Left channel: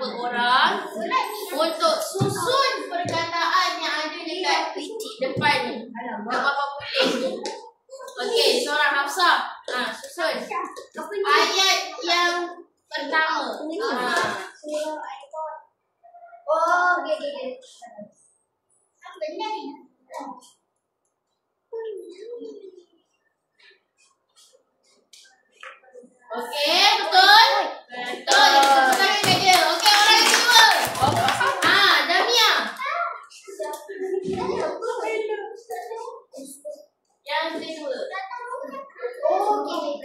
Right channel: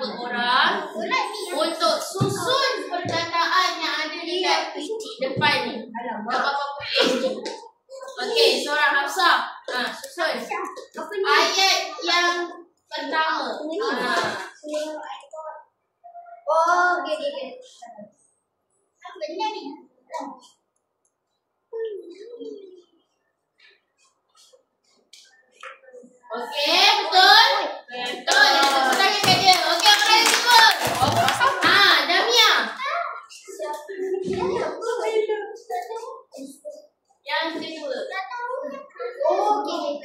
beberapa orang untuk susun perkataan yang ada dekat depan ni. Tak apa putih ni. Okey, seorang Hafsah. Susun. Ayat yang pertama. Oh, okey. Benar ni. Okey, betul? Betul. Tepuk tangan kat dia. Okey, orang yang kedua. Damia. Yang kedua. Oh, okey.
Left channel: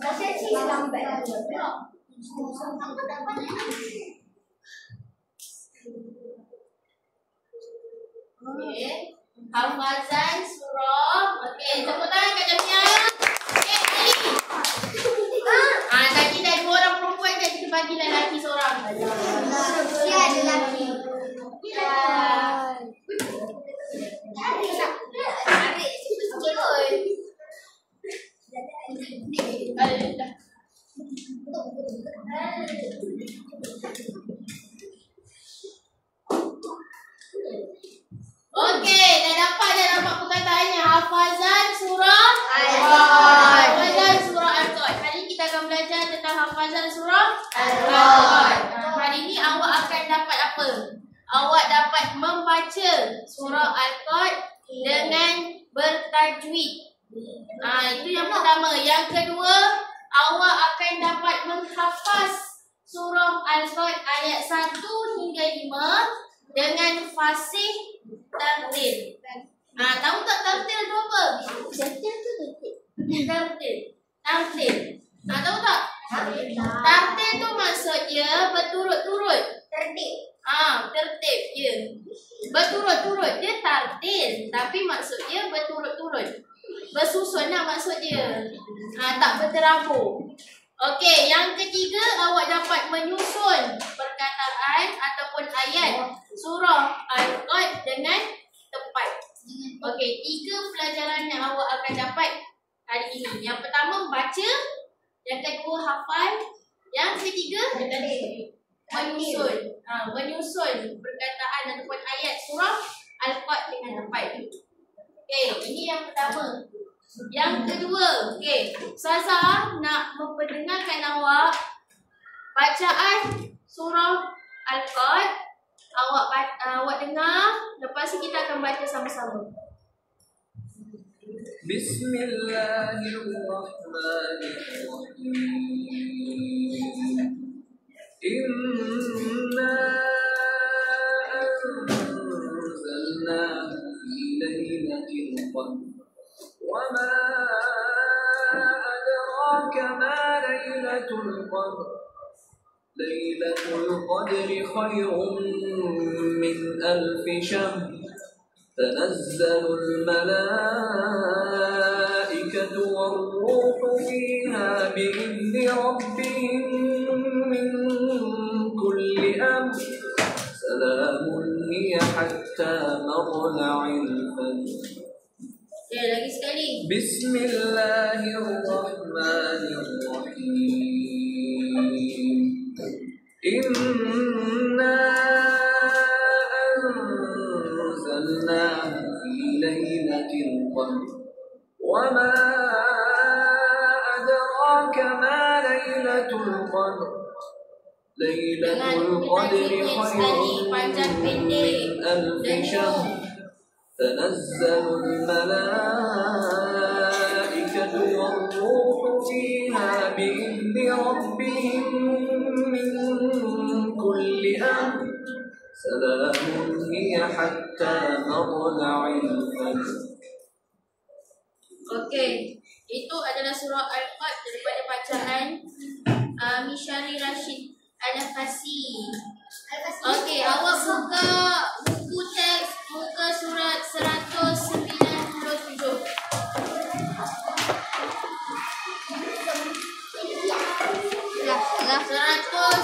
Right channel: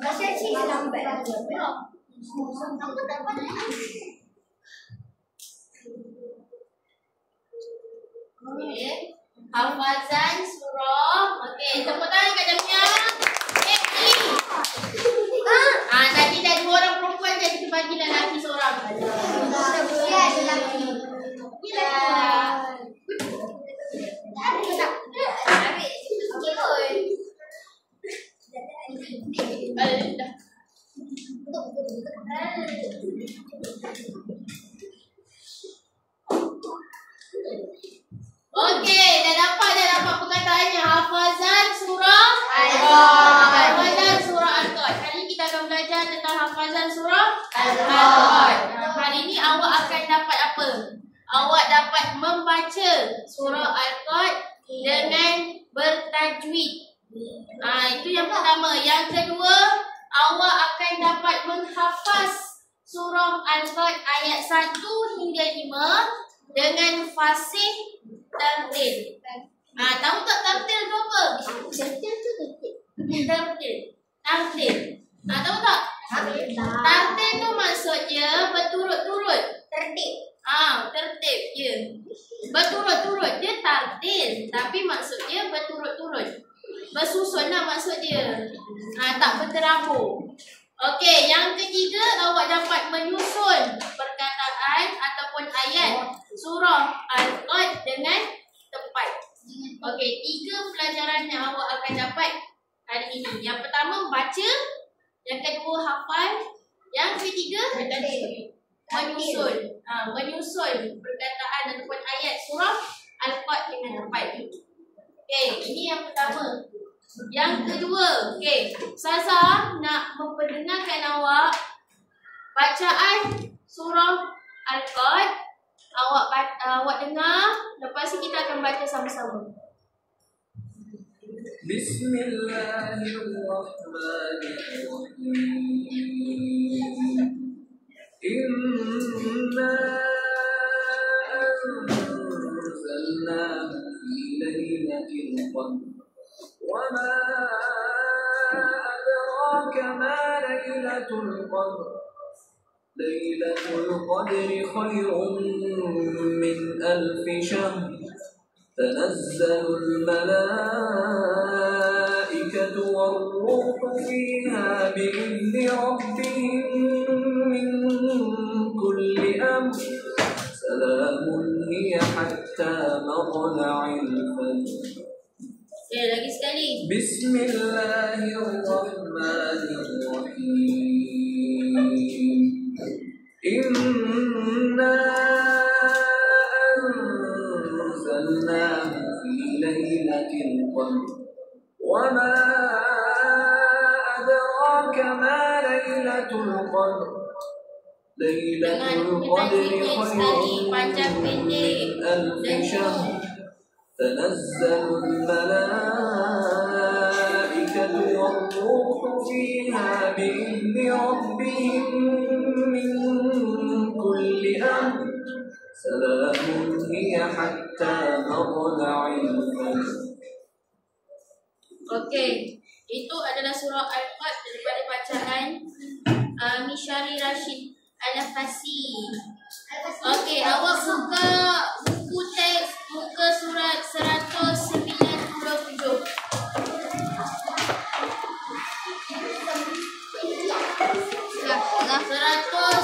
Pasal cik lambat. Okey. Hafazan surah. Okey, tepuk tangan kat Damia. Okey, Ali. Tadi dah 2 orang perempuan je, kita bagi lelaki seorang. Ya, ada lelaki. Ya. Okey, dah dapat perkataannya. Hafazan surah Al-Qad. Hafazan surah Al-Qad. Hari ini kita akan belajar tentang hafazan surah Al-Qad. Hari ini awak akan dapat apa? Awak dapat membaca surah Al-Qad dengan bertajwid. Itu yang pertama. Yang kedua, awak akan dapat menghafaz surah Al-Qad ayat 1 hingga 5 dengan fasih tartil. Tahu tak tartil tu apa? Tartil tu tartil. Tartil. Tahu tak? Tartil tu maksudnya berturut-turut. Tertib. Tertib je. Berturut-turut dia tartil, tapi maksudnya berturut-turut. Bersusun lah maksud dia. Tak berterabur. Okey, yang ketiga, awak dapat menyusun perkataan ataupun ayat surah Al-Qad dengan tepat. Okey, 3 pelajaran yang awak akan dapat hari ini. Yang pertama, baca. Yang kedua, hafal. Yang ketiga, menyusun. Menyusun perkataan ataupun ayat surah Al-Qad dengan tepat. Okey, ini yang pertama. Yang kedua, okey, Ustazah nak memperdengarkan awak bacaan surah Al-Qad. Awak dengar, lepas ni kita akan baca sama-sama. Bismillahirrahmanirrahim. Inna anzalnahu fi lailatul qadr. وما أدراك ما ليلة القدر ليلة القدر خير من 1000 شهر تنزل الملائكة والروح فيها بإذن ربهم من كل أمر سلام هي حتى مطلع الفجر. Lagi sekali. Bismillahirrahmanirrahim. Inna anzalnahu fi lailatul qadr. Wa ma adraka ma lailatul qadr. Lailatul qadri khairun min 1000 syahr. تنزل الملائكة والروح فيها بإذن ربهم من كل أمر سلام هي حتى مطلع الفجر. Okey, itu adalah surah Al-Qad daripada bacaan Mishari Rashid Al-Fasi. Okey, awak buka buku teks muka surat 197. 197.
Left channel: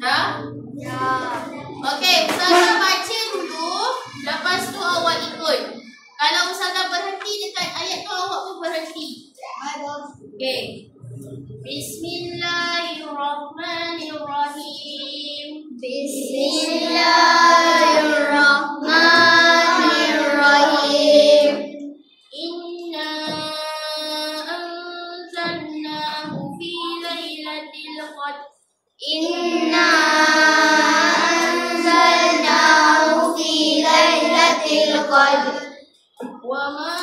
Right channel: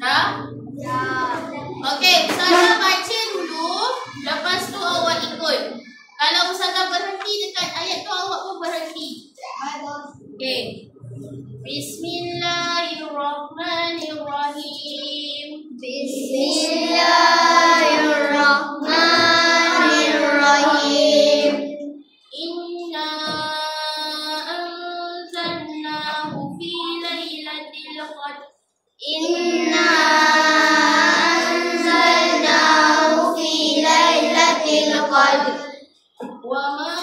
Dah? Ya. Okey, Ustazah baca dulu. Lepas tu awak ikut. Bismillahirrahmanirrahim. Bismillahirrahmanirrahim. Inna anzalnahu fi lailatul qadr. Inna anzalnahu fi lailatul qadr. Wa ma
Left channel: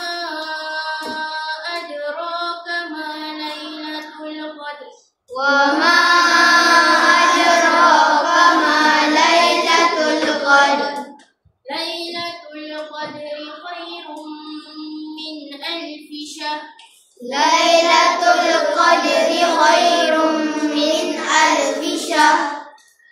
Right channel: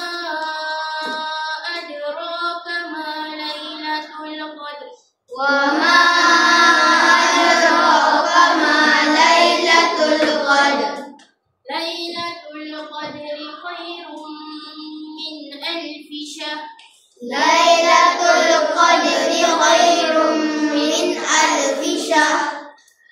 adraka ma lailatul qadr. Wa ma adraka ma lailatul qadr. Lailatul qadri khairum min alfi syahr. Lailatul qadri khairum min alfi syahr.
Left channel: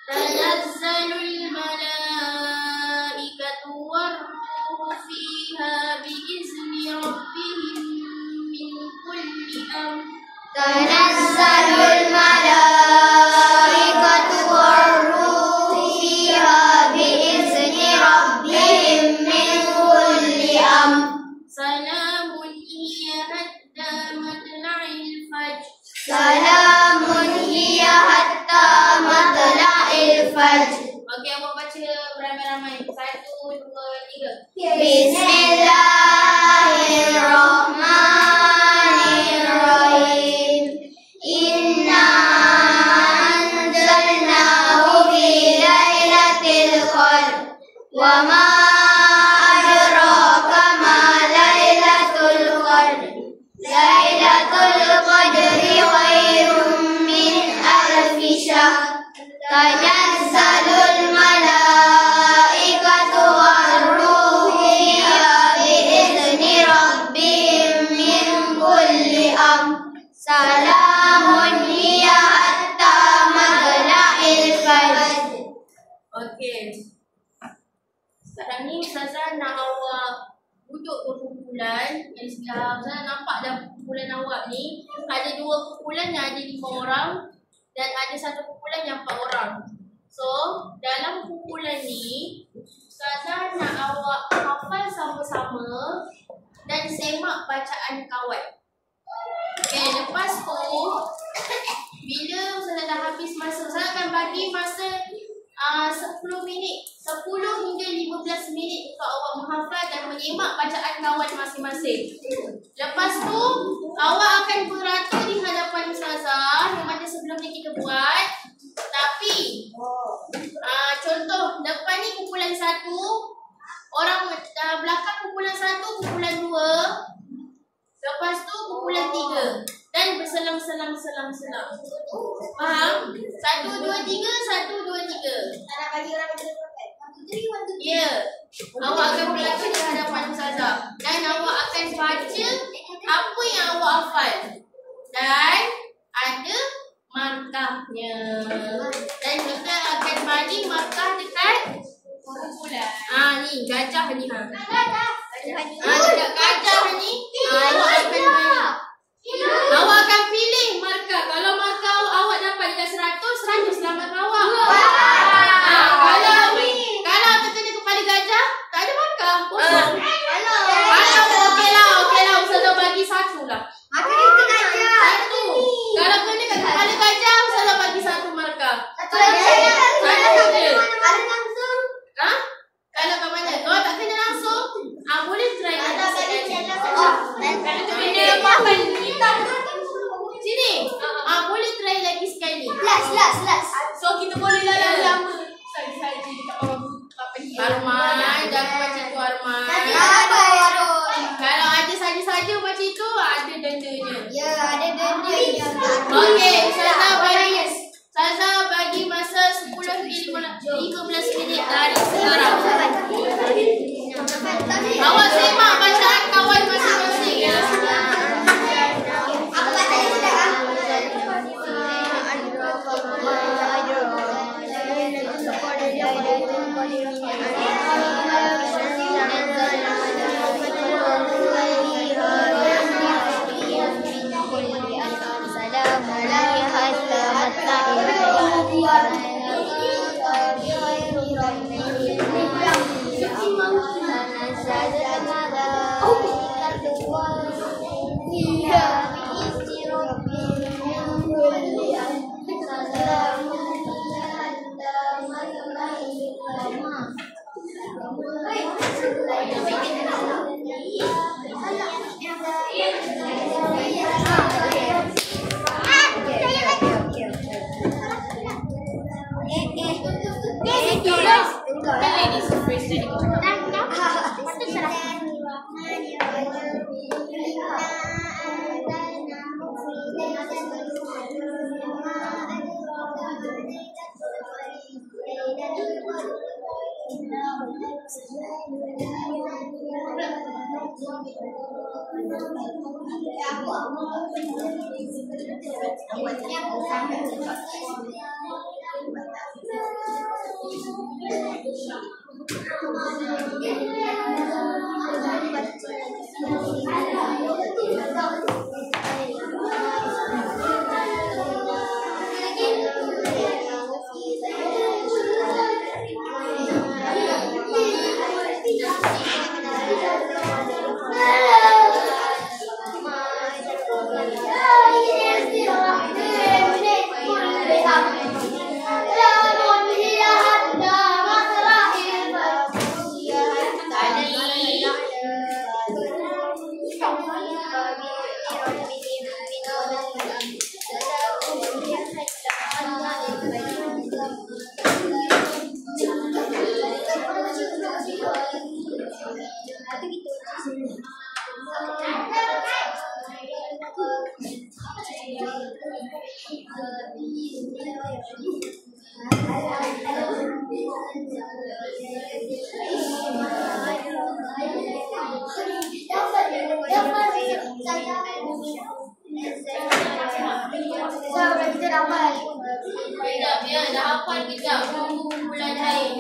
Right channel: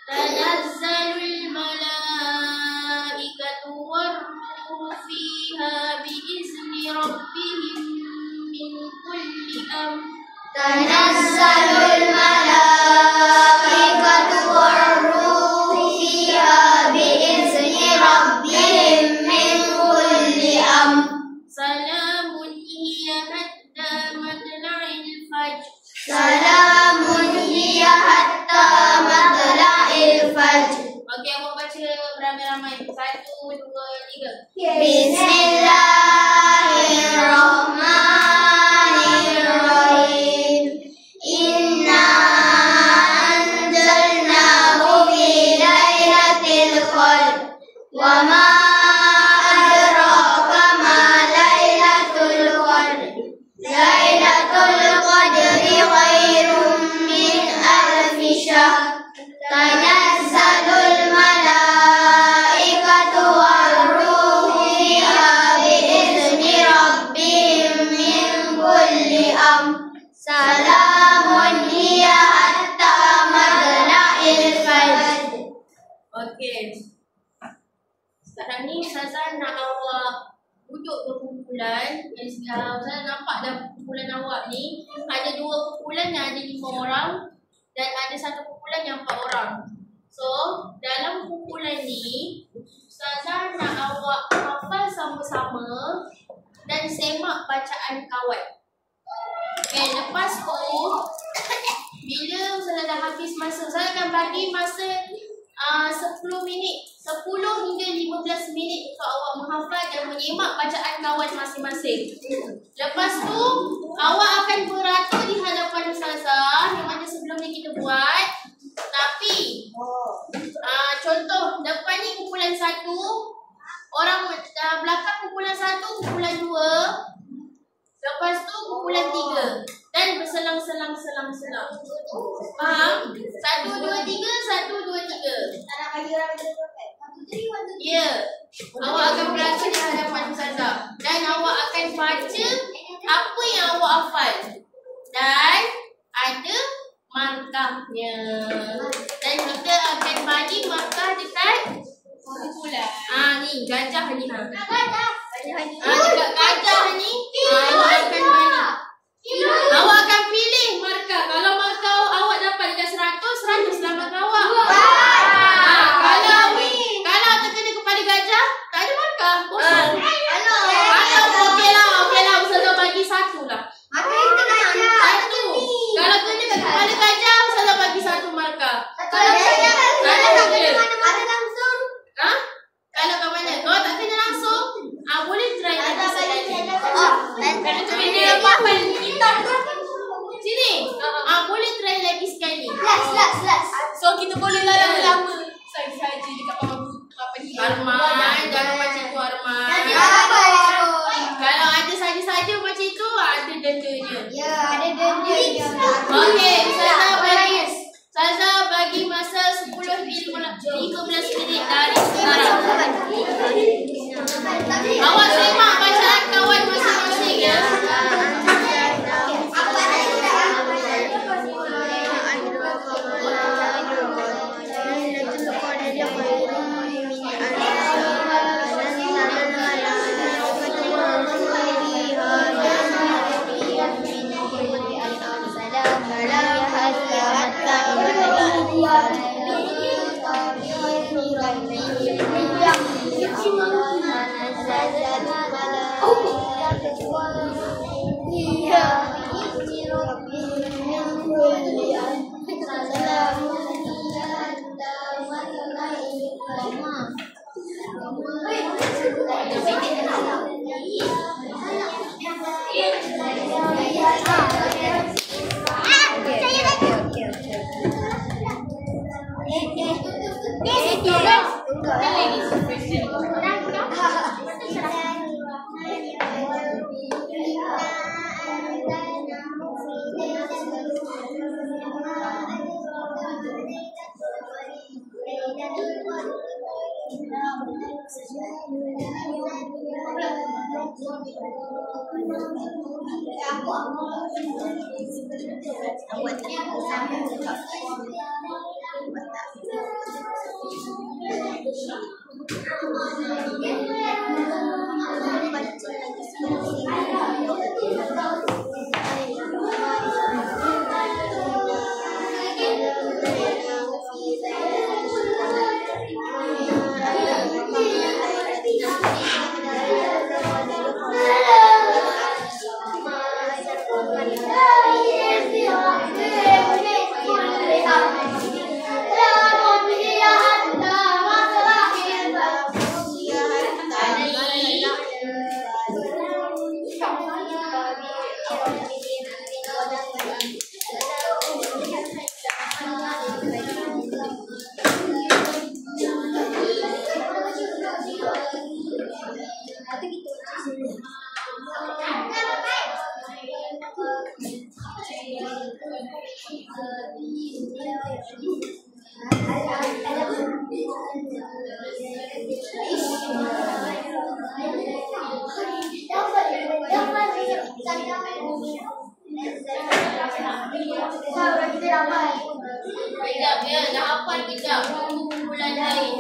Tanazzalul malaikatu war-ruhu fiha biizni rabbihim min kulli amr. Tanazzalul malaikatu war-ruhu fiha biizni rabbihim min kulli amr. Salamun hiya hatta matla'il fajr. Salamun hiya hatta matla'il fajr. Okey, awak baca beramai-ramai. 1, 2, 3. Bismillahirrahmanirrahim. Inna anzalnahu fi lailatul qadr. Wa ma adraka ma lailatul qadr. Lailatul qadri khairum min alfi syahr. Tanazzalul malaikatu war-ruhu fiha biizni rabbihim min kulli amr. Salamun hiya hatta matla'il fajr. Okey. Sekarang ni Ustazah nak awak duduk berkumpulan. Ustazah nampak dah kumpulan awak ni ada 2 kumpulan yang ada 5 orang dan ada 1 kumpulan yang 4 orang. So, dalam kumpulan ni Ustazah nak awak hafal sama-sama dan semak bacaan kawan. Okey, lepas tu bila Ustazah dah habis masa, Ustazah akan bagi masa 10 minit, 10 hingga 15 minit untuk awak menghafal dan menyemak bacaan kawan masing-masing. Lepas tu, awak akan beratur di hadapan Ustazah yang mana sebelum ni kita buat. Tapi, contoh, depan ni kumpulan 1, orang belakang kumpulan 1, kumpulan 2. Lepas tu kumpulan 3 dan berselang-selang. Faham? 1, 2, 3, 1, 2, 3. Ya. Awak akan beratur di hadapan Ustazah dan awak akan baca apa yang awak hafal. Dan ada markahnya. Dan kita akan bagi markah dekat kumpulan. Ni gajah ni. Dekat gajah ni awak akan bagi. Awak akan pilih markah. Kalau markah awak dapat dekat 100, selamat awak. Kalau terkena kepada gajah, tak ada markah, kosong. Kalau okeylah, Ustazah bagi 1 lah. 1. Kalau kena kat kepala gajah, Ustazah bagi 1 markah. Ada saja. Kalau kat mana? Kalau tak kena langsung, boleh try lagi sekali. Sini. Boleh try lagi sekali. So kita boleh yang lama saja tak apa ni. Arman, jangan macam tu Arman. Kalau ada saja-saja macam tu, ada dendanya. Ya, ada dendanya. Okey, Ustazah bagi masa 10 hingga 15 minit dari sekarang. Awak semak bacaan kawan masing-masing ya. Salam Kejap ya, dah hafal kejap. Bulan lain.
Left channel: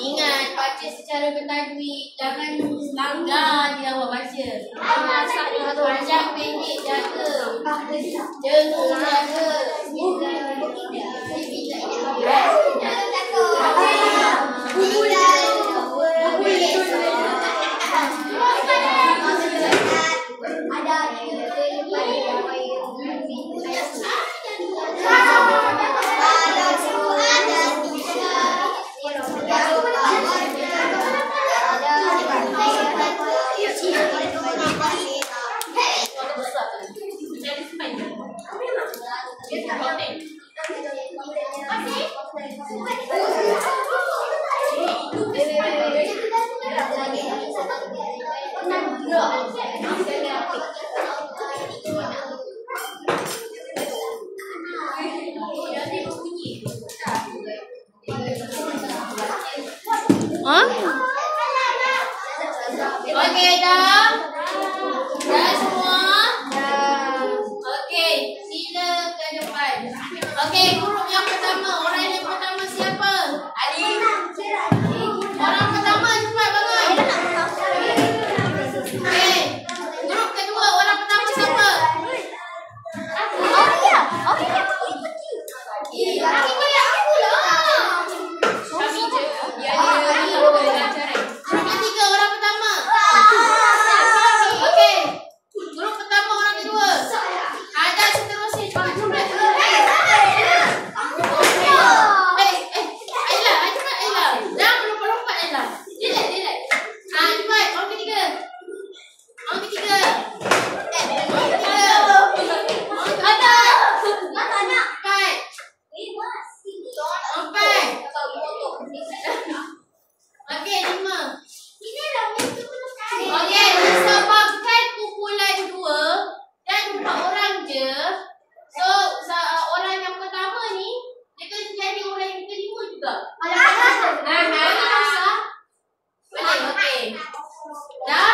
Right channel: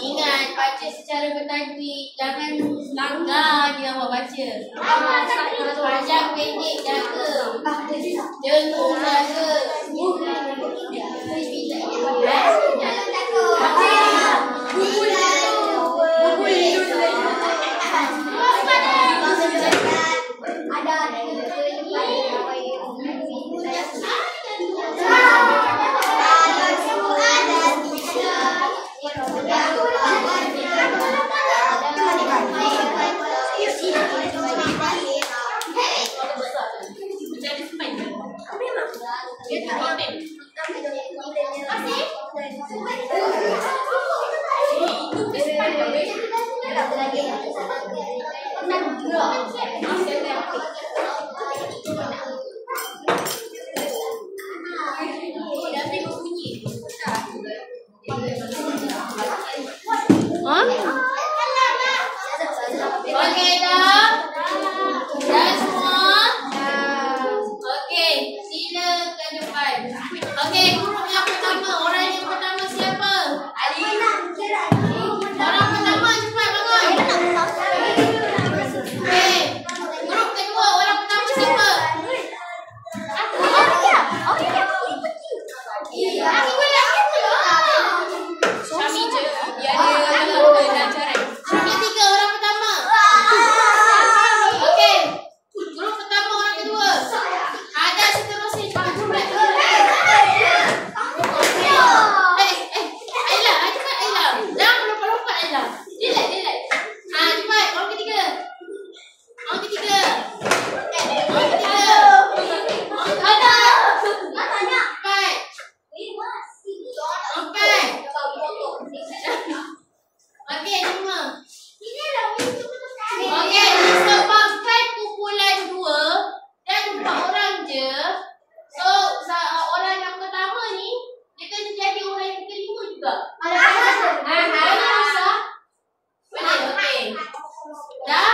Ingat, baca secara bertajwid. Jangan langgar je. awak baca. Panjang pendek jaga. Jenguk jaga. Okey dah? Dah semua? Okey, sila ke depan. Okey, grup yang pertama. Orang yang pertama siapa? Ali. Orang pertama cepat bangun. Okey. Grup kedua, orang pertama siapa? Ketiga orang pertama. Okey. Grup pertama orang kedua. Ada seterusnya cepat. Ayla, cepat Ayla. Jangan melompat-lompat Ayla. Relax. Cepat. Orang ketiga. Orang ketiga. Okey, 5. Okey, disebabkan kumpulan 2 dan 4 orang je. So, orang yang pertama ni dia kena jadi orang yang kelima juga. Boleh, okey. Dah?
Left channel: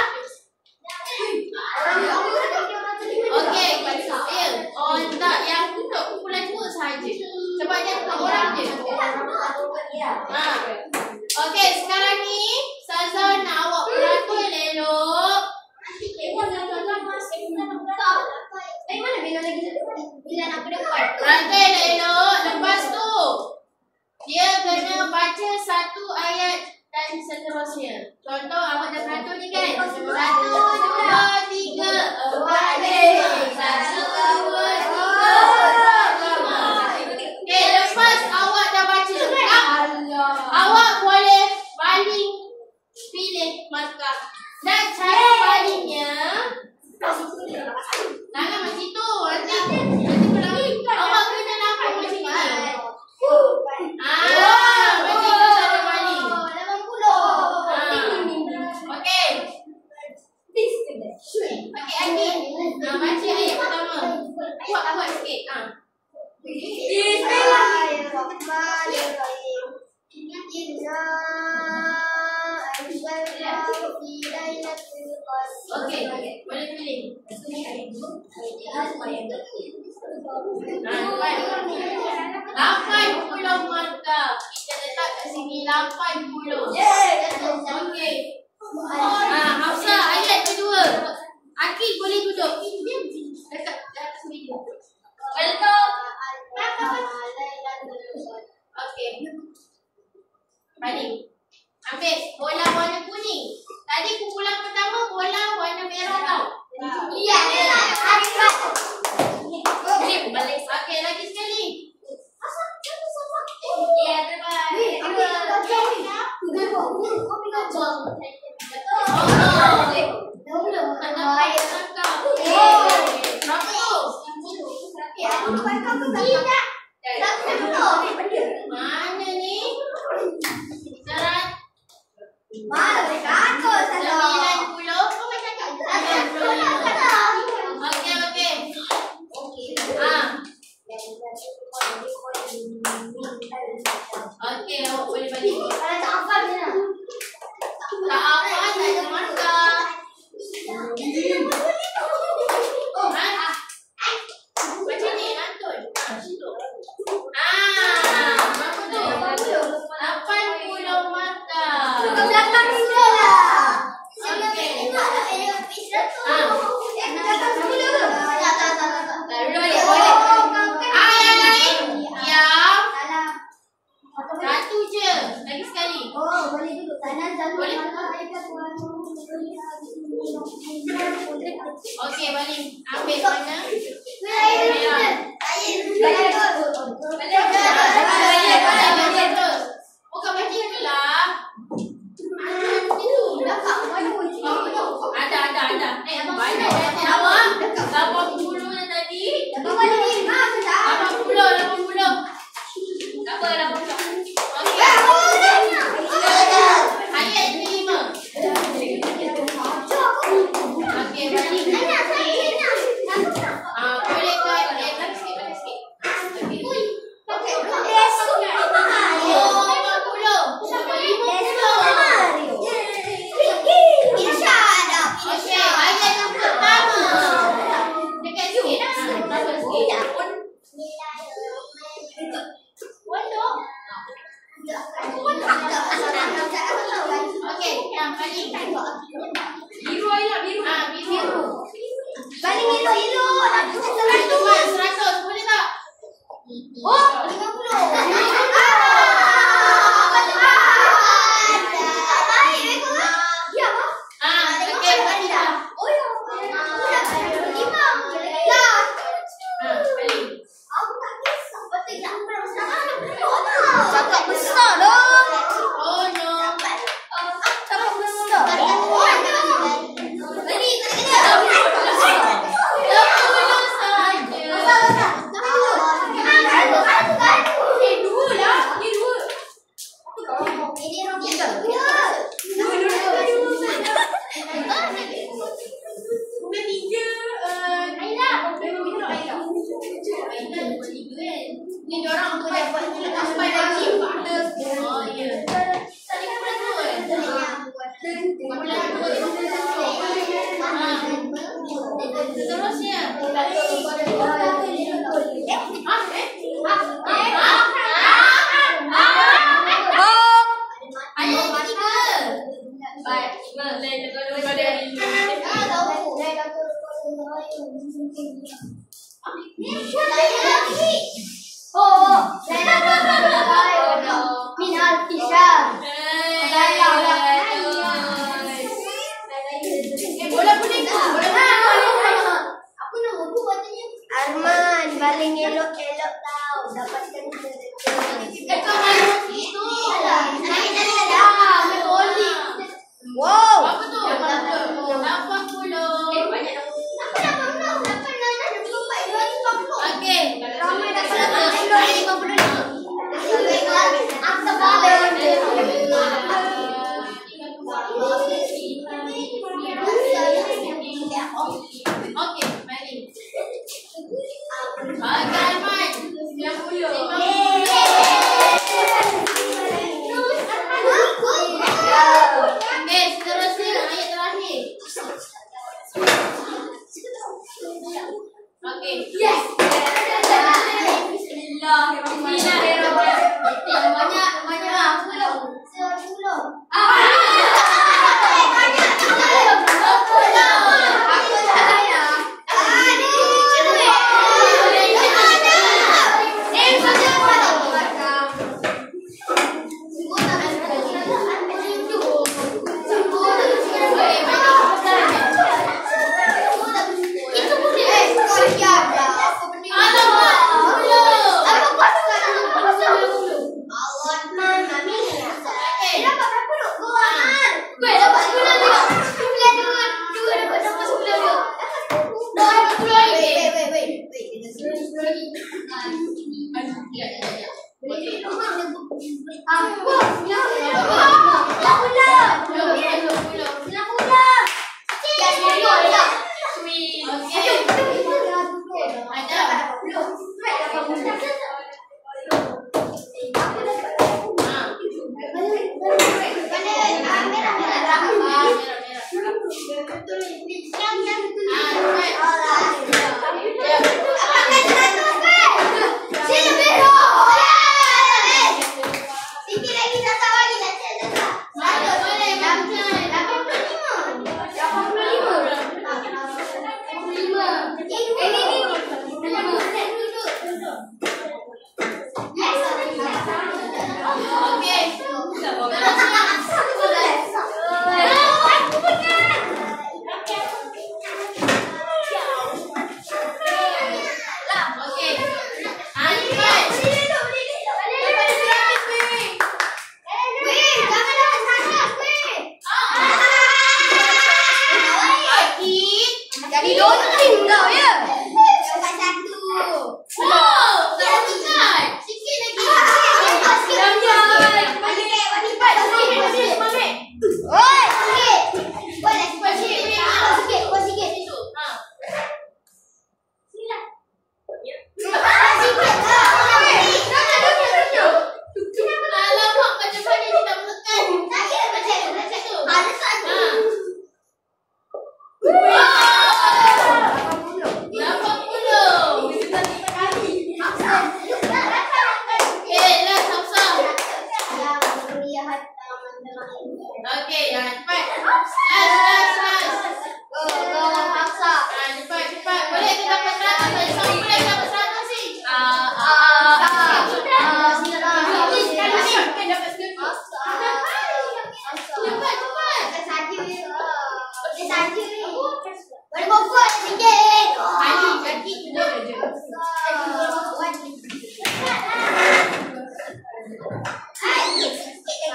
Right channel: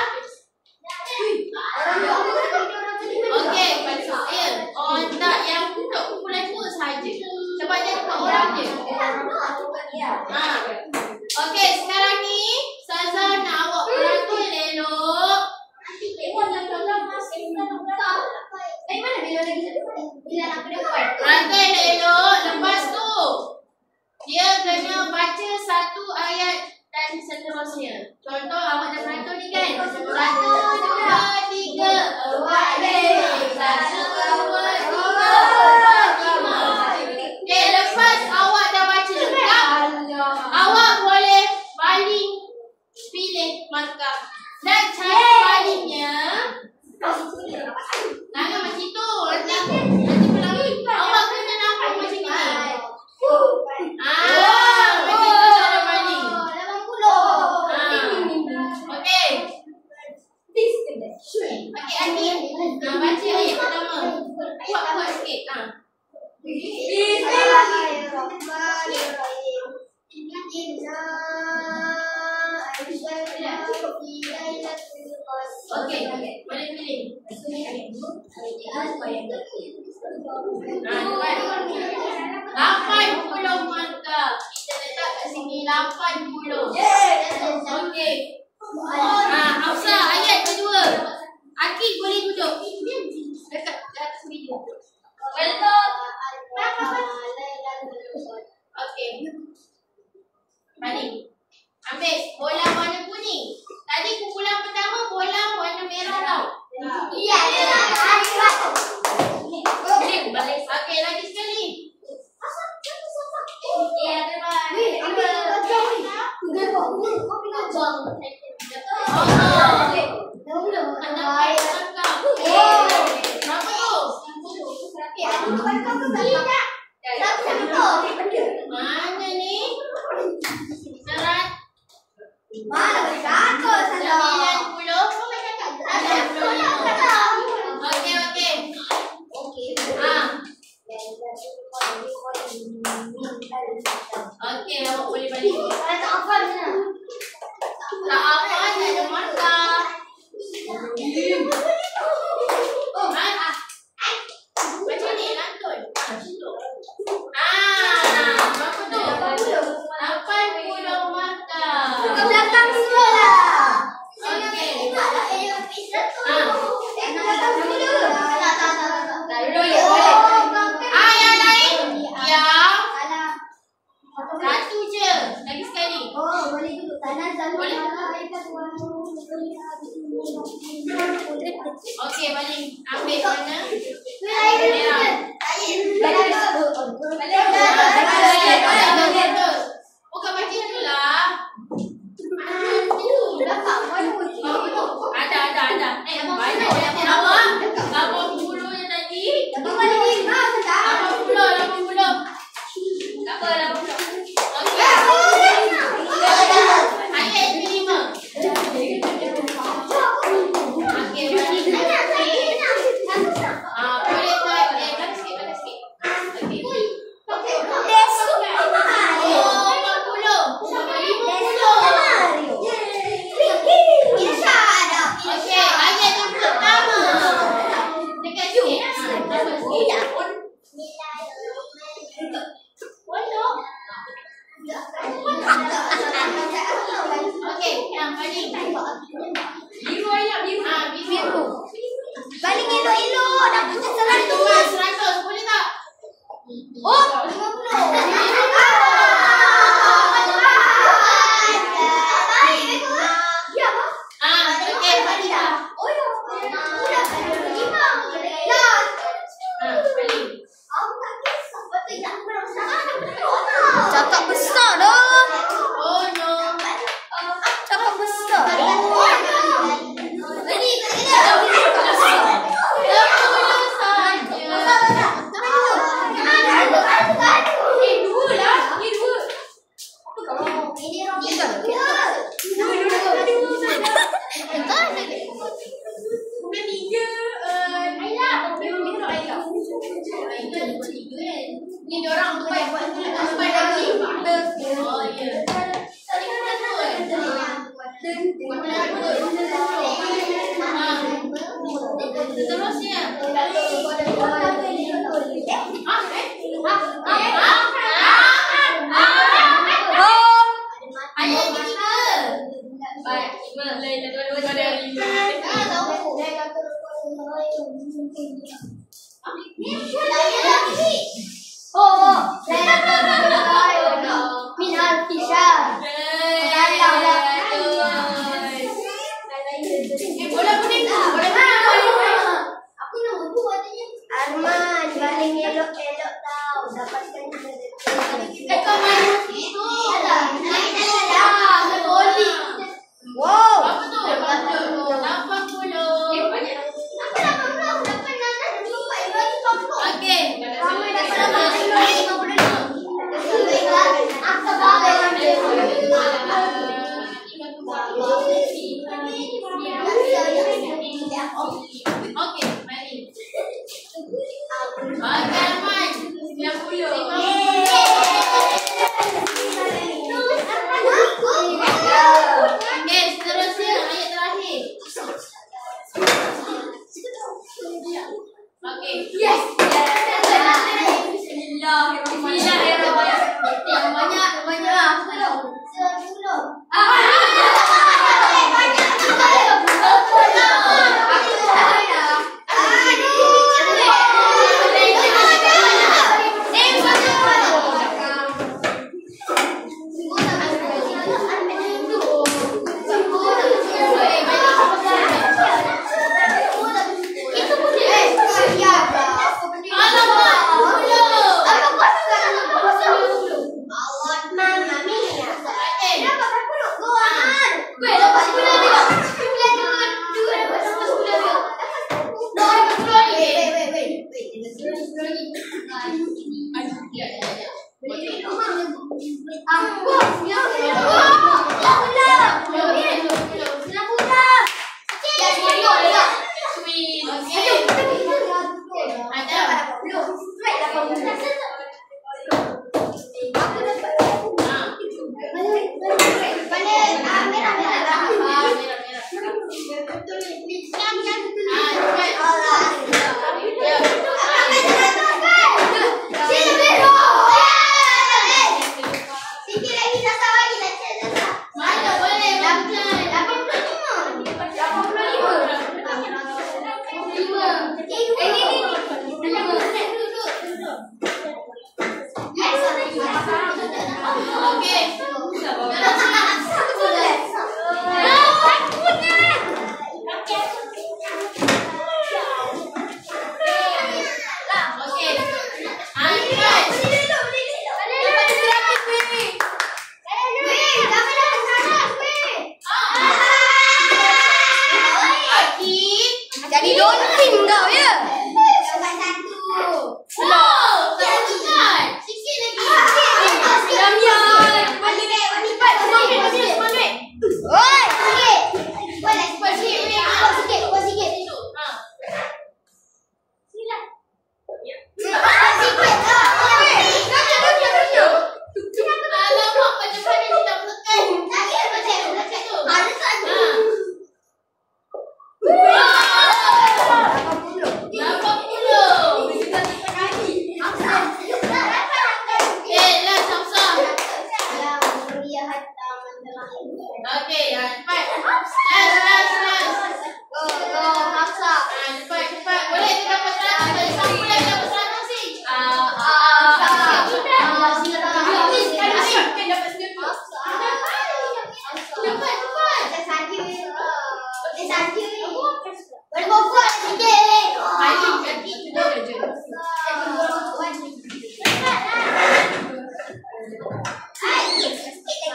Okey, ya. Oh, tak, yang untuk kumpulan 2 sahaja. Sebab dia 4 orang je. Okey, sekarang ni Ustazah nak awak beratur elok. Beratur elok. Lepas tu dia kena baca satu ayat dan seterusnya. Contoh awak dah beratur ni kan? 1, 2, 3, 4, 5. 1, 2, 3, 4, 5. Okey, lepas awak dah baca lengkap, awak boleh baling pilih markah. Dan cara balingnya jangan macam itu. Nanti pelangi. Awak kena nampak macam ni. Macam itu cara baling. Okey. Okey, Adi. Baca ayat pertama. Kuat-kuat sikit. Bismillahirrahmanirrahim. Inna anzalnahu fi lailatul qadr. Okey, boleh pilih. Cepat. 80 markah. Kita letak kat sini 80. Okey. Hafsah, ayat kedua. Akid boleh duduk. Dekat atas meja. Betul. Okey. Balik. Ambil bola warna kuning. Tadi kumpulan pertama bola warna merah tau. Ya. Balik. Okey, lagi sekali. Ya, terbaik. Mana ni? Serat. Mana aku salah. 90. Okey. Okey, awak boleh balik. Kalau tak hafal macam mana? Tak apa, tak ada markah. Macam ni, lantun. Situ. Berapa tu? 80 markah. Ke belakang sini lah. Okey. Okey, balik. Ambil mana? Merah. Bukan macam itulah. Ada. Banyak nama. 80 yang tadi. 80. Ayat 5. Okey, balik. Boleh kan? Balik sikit. Okey. Oh, 50. Okey, ayat yang pertama. Dekat sikit. Tambah sikit. Okey, yang balik. Biru ayat biru. Biru. Balik ilu. 100 boleh tak? Oh, 50. Okey, balik dah. Balik. Cakap besar dah. Oh no. Cakap besar. Balik. Sikit lagi, satu lagi.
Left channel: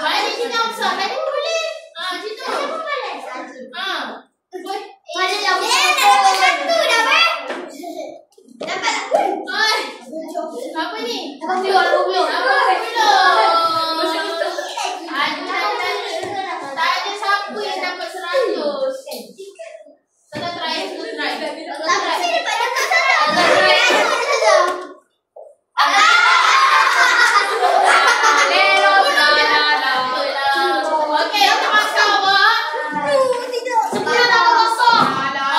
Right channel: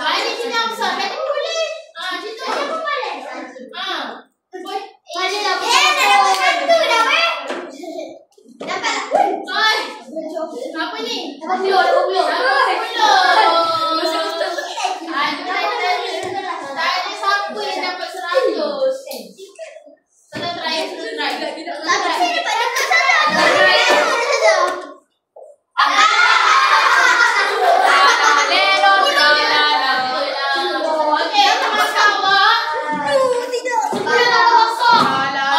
Balik sini besar. Tadi boleh. Situ. Apa ni? 20. Tak ada siapa yang dapat 100. Kita try. Okey, apa markah awak?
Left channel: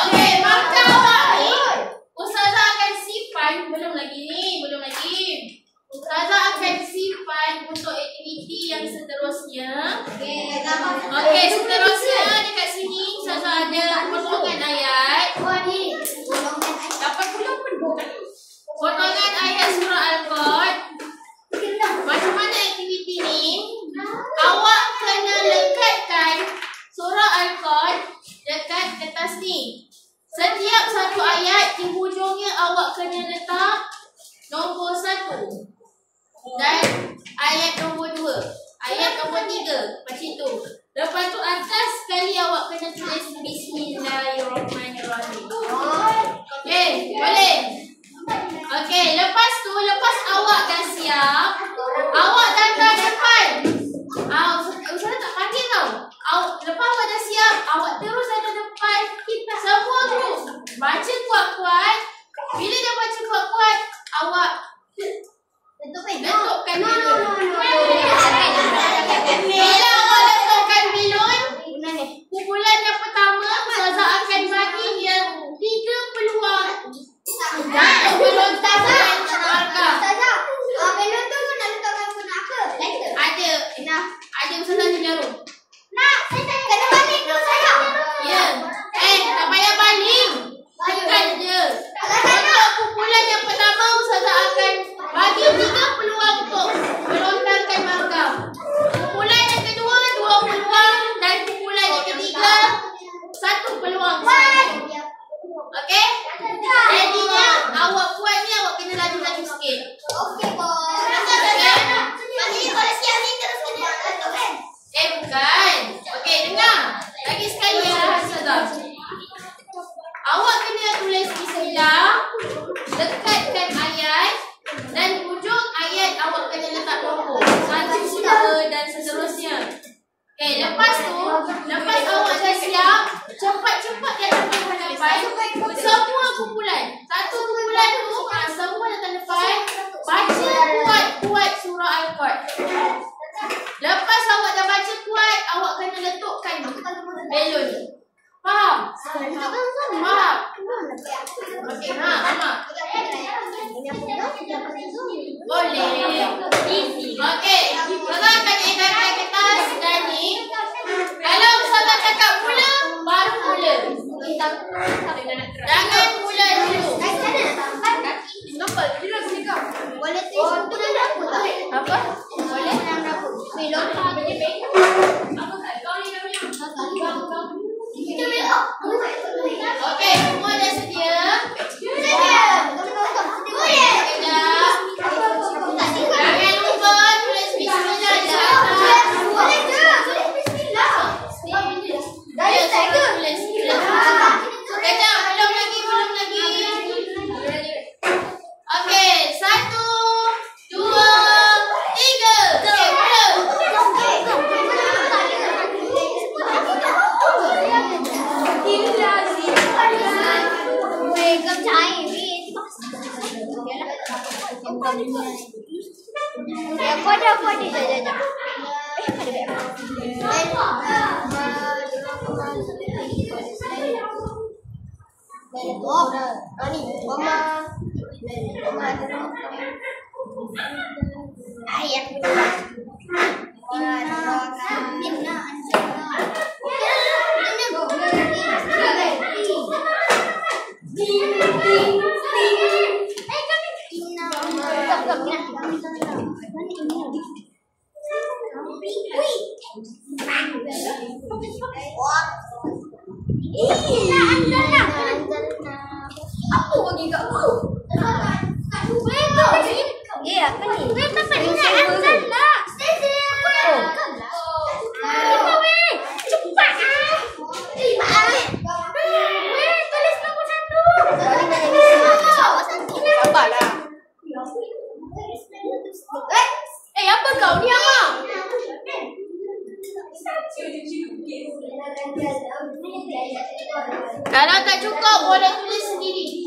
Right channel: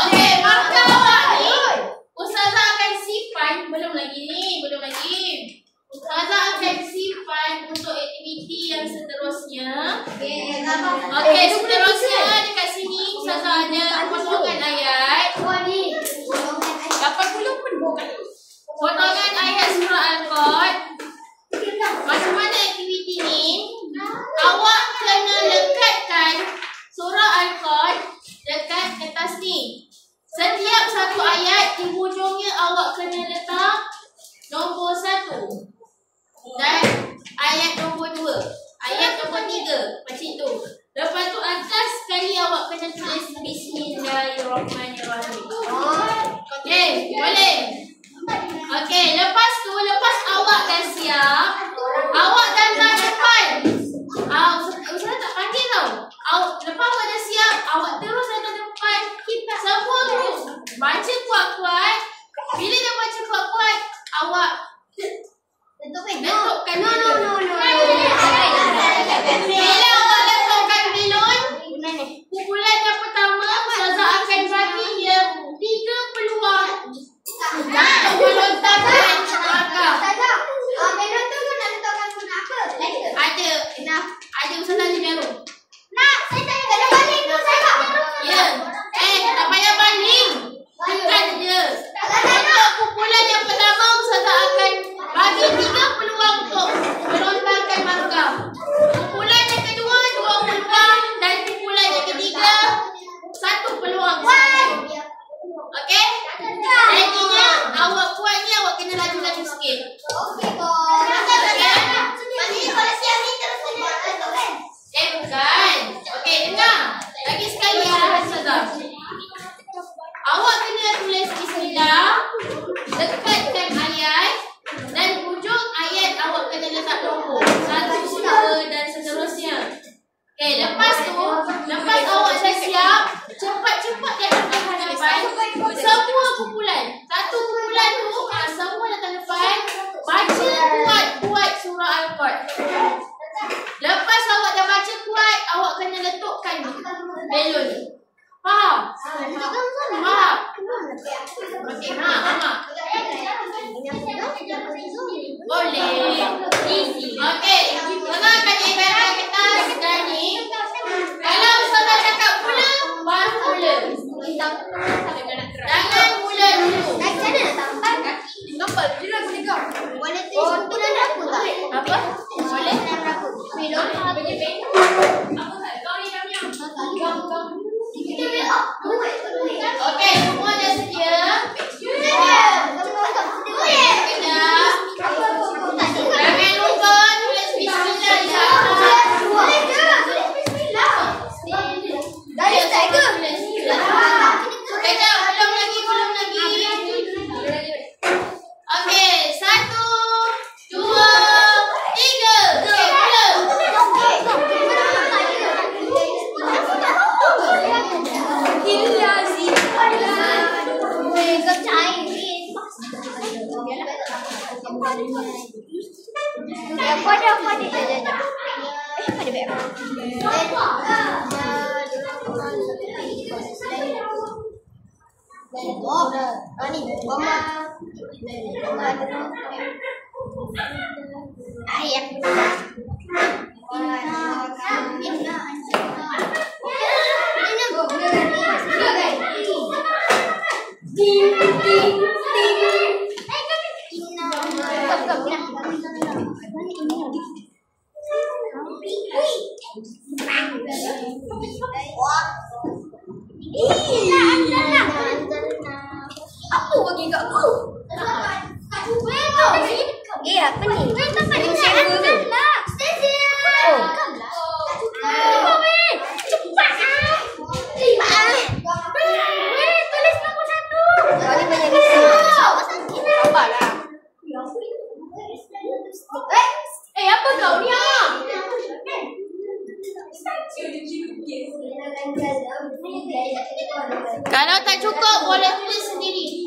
Okey, markah awak ni Ustazah akan simpan. Belum lagi. Ustazah akan simpan untuk aktiviti yang seterusnya. Okey, seterusnya dekat sini Ustazah ada potongan ayat. Potongan ayat surah Al-Qad. Macam mana aktiviti ni? Awak kena lekatkan surah Al-Qad dekat kertas ni. Setiap satu ayat di hujungnya awak kena letak nombor 1 dan ayat nombor 2, ayat nombor 3, macam tu. Lepas tu atas sekali awak kena tulis Bismillahirrahmanirrahim. Okey, boleh? Okey, lepas awak dah siap, awak datang depan. Ustazah tak panggil tau. Lepas awak dah siap, awak terus datang depan. Semua grup baca kuat-kuat. Bila dah baca kuat-kuat, awak letakkan belon. Bila awak letakkan belon, kumpulan yang pertama Ustazah akan bagi dia 3 peluang untuk melontarkan markah. Melon tu nak letakkan guna apa? Ada Ustazah ada jarum. Saya tak kena balik tu saya. Ya. Tak payah baling. Tekan je. Untuk kumpulan yang pertama Ustazah akan bagi 3 peluang untuk melontarkan markah. Kumpulan yang kedua 2 peluang dan kumpulan yang ketiga 1 peluang sahaja. Okey? Jadinya awak buat ni awak kena laju-laju sikit. Okey, Bos. Nanti kalau siap ni terus kena kan? Bukan. Okey, dengar. Lagi sekali arahan Ustazah. Awak kena tulis bismillah, dekatkan ayat dan hujung ayat awak kena letak nombor 1, 2 dan seterusnya. Okey, lepas awak dah siap, cepat-cepat datang ke hadapan. Semua kumpulan. Satu kumpulan tu, semua datang depan. Baca kuat-kuat surah Al-Qad. Lepas awak dah baca kuat, awak kena letakkan belon. Faham? Faham? Okey, Amak. Boleh. Okey, Ustazah akan edarkan kertas dan ni. Kalau Ustazah cakap mula, baru mula. Jangan mula dulu. Boleh tulis kumpulan apa tak? Apa? Boleh? Belon. Okey, semua dah sedia? Jangan lupa tulis bismillah di atas. Kejap, belum lagi. Okey, 1, 2, 3. Okey, mula. Apa bagi kat aku? Apa ni? Apa ni? Kalau tak cukup boleh tulis sendiri.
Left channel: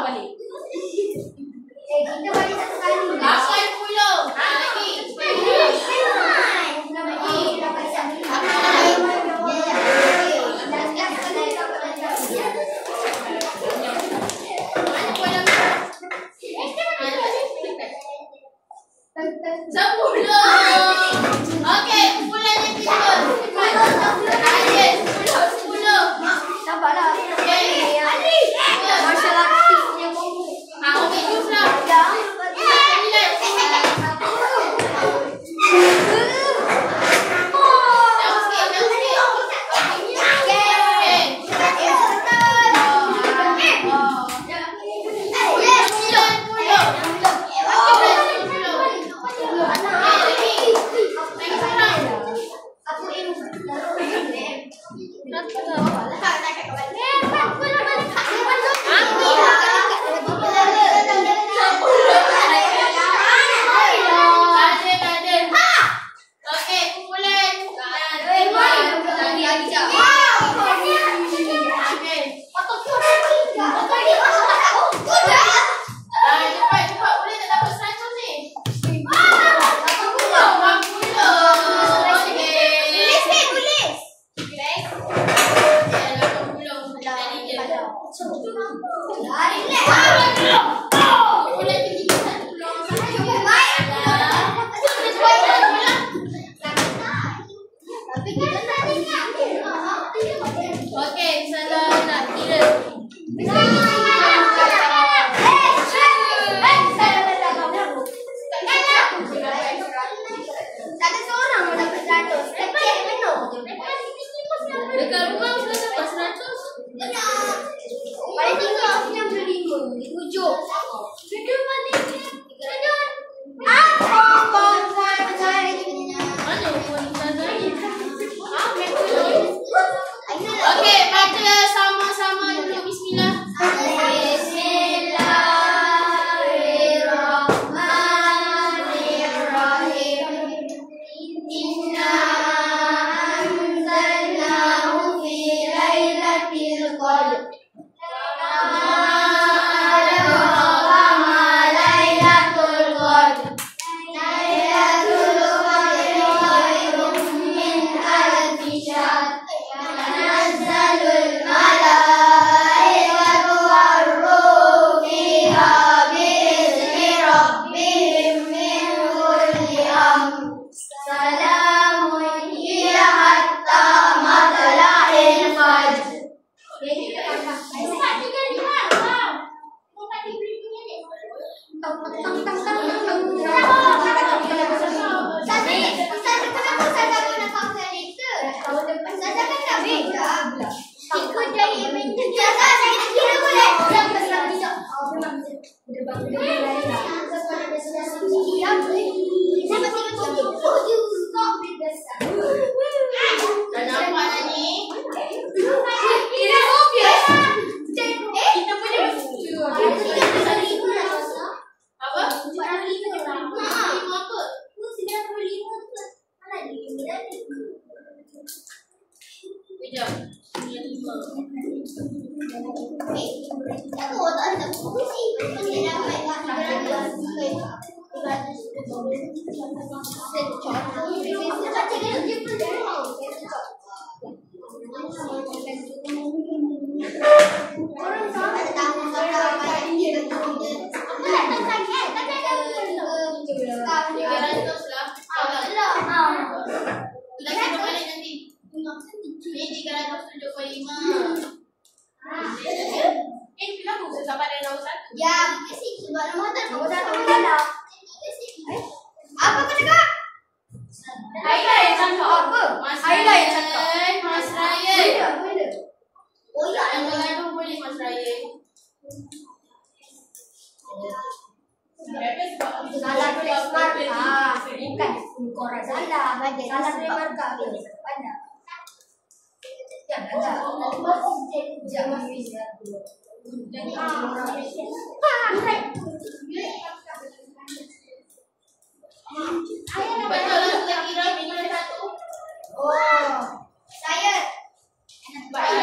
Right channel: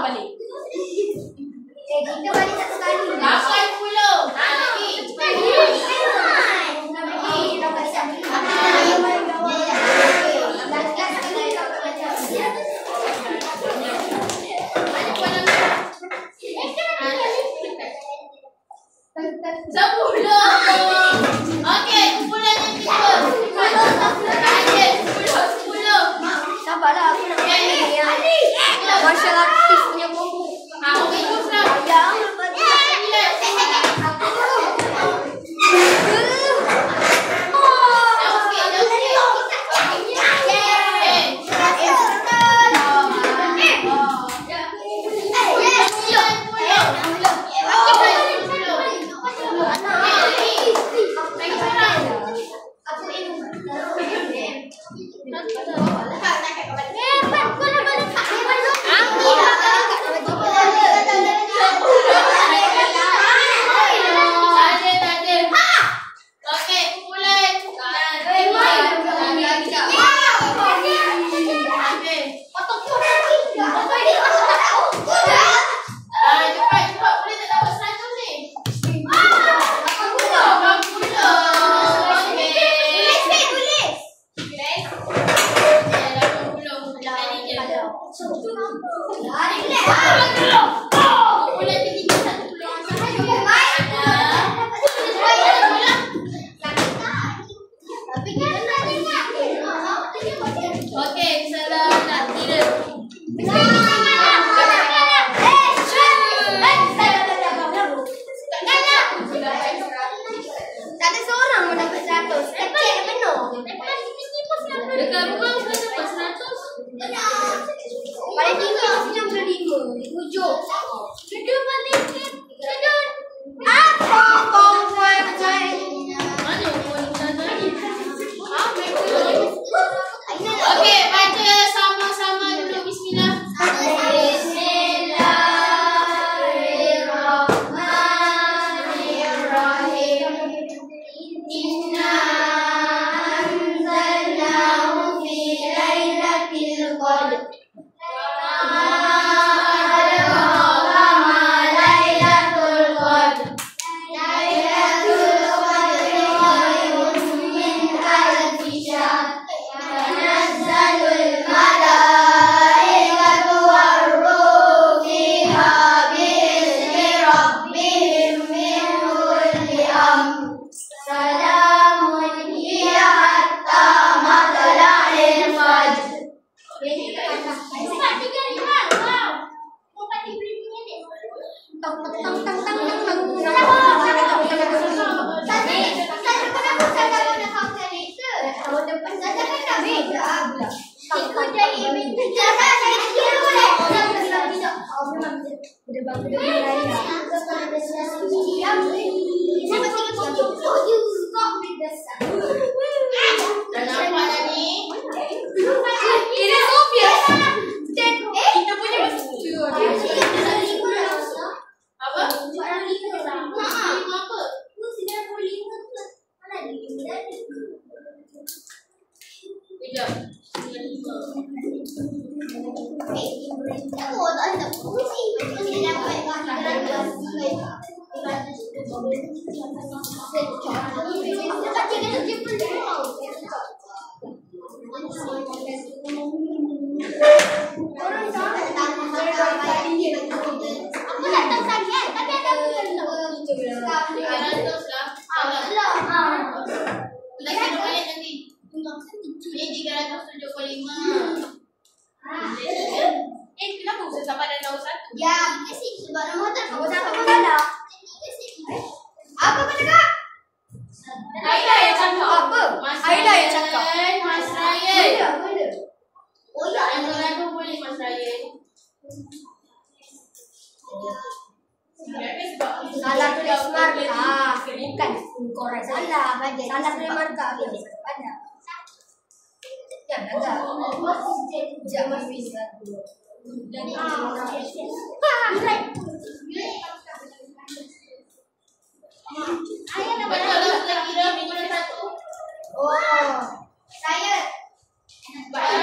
balik. Kita balik satu kali. 80. Lagi. Mana bola merah? 10. Okey, kumpulan yang kedua. Target 10. Sabarlah. Okey. Martial artist punya combo. Ambil jus lah.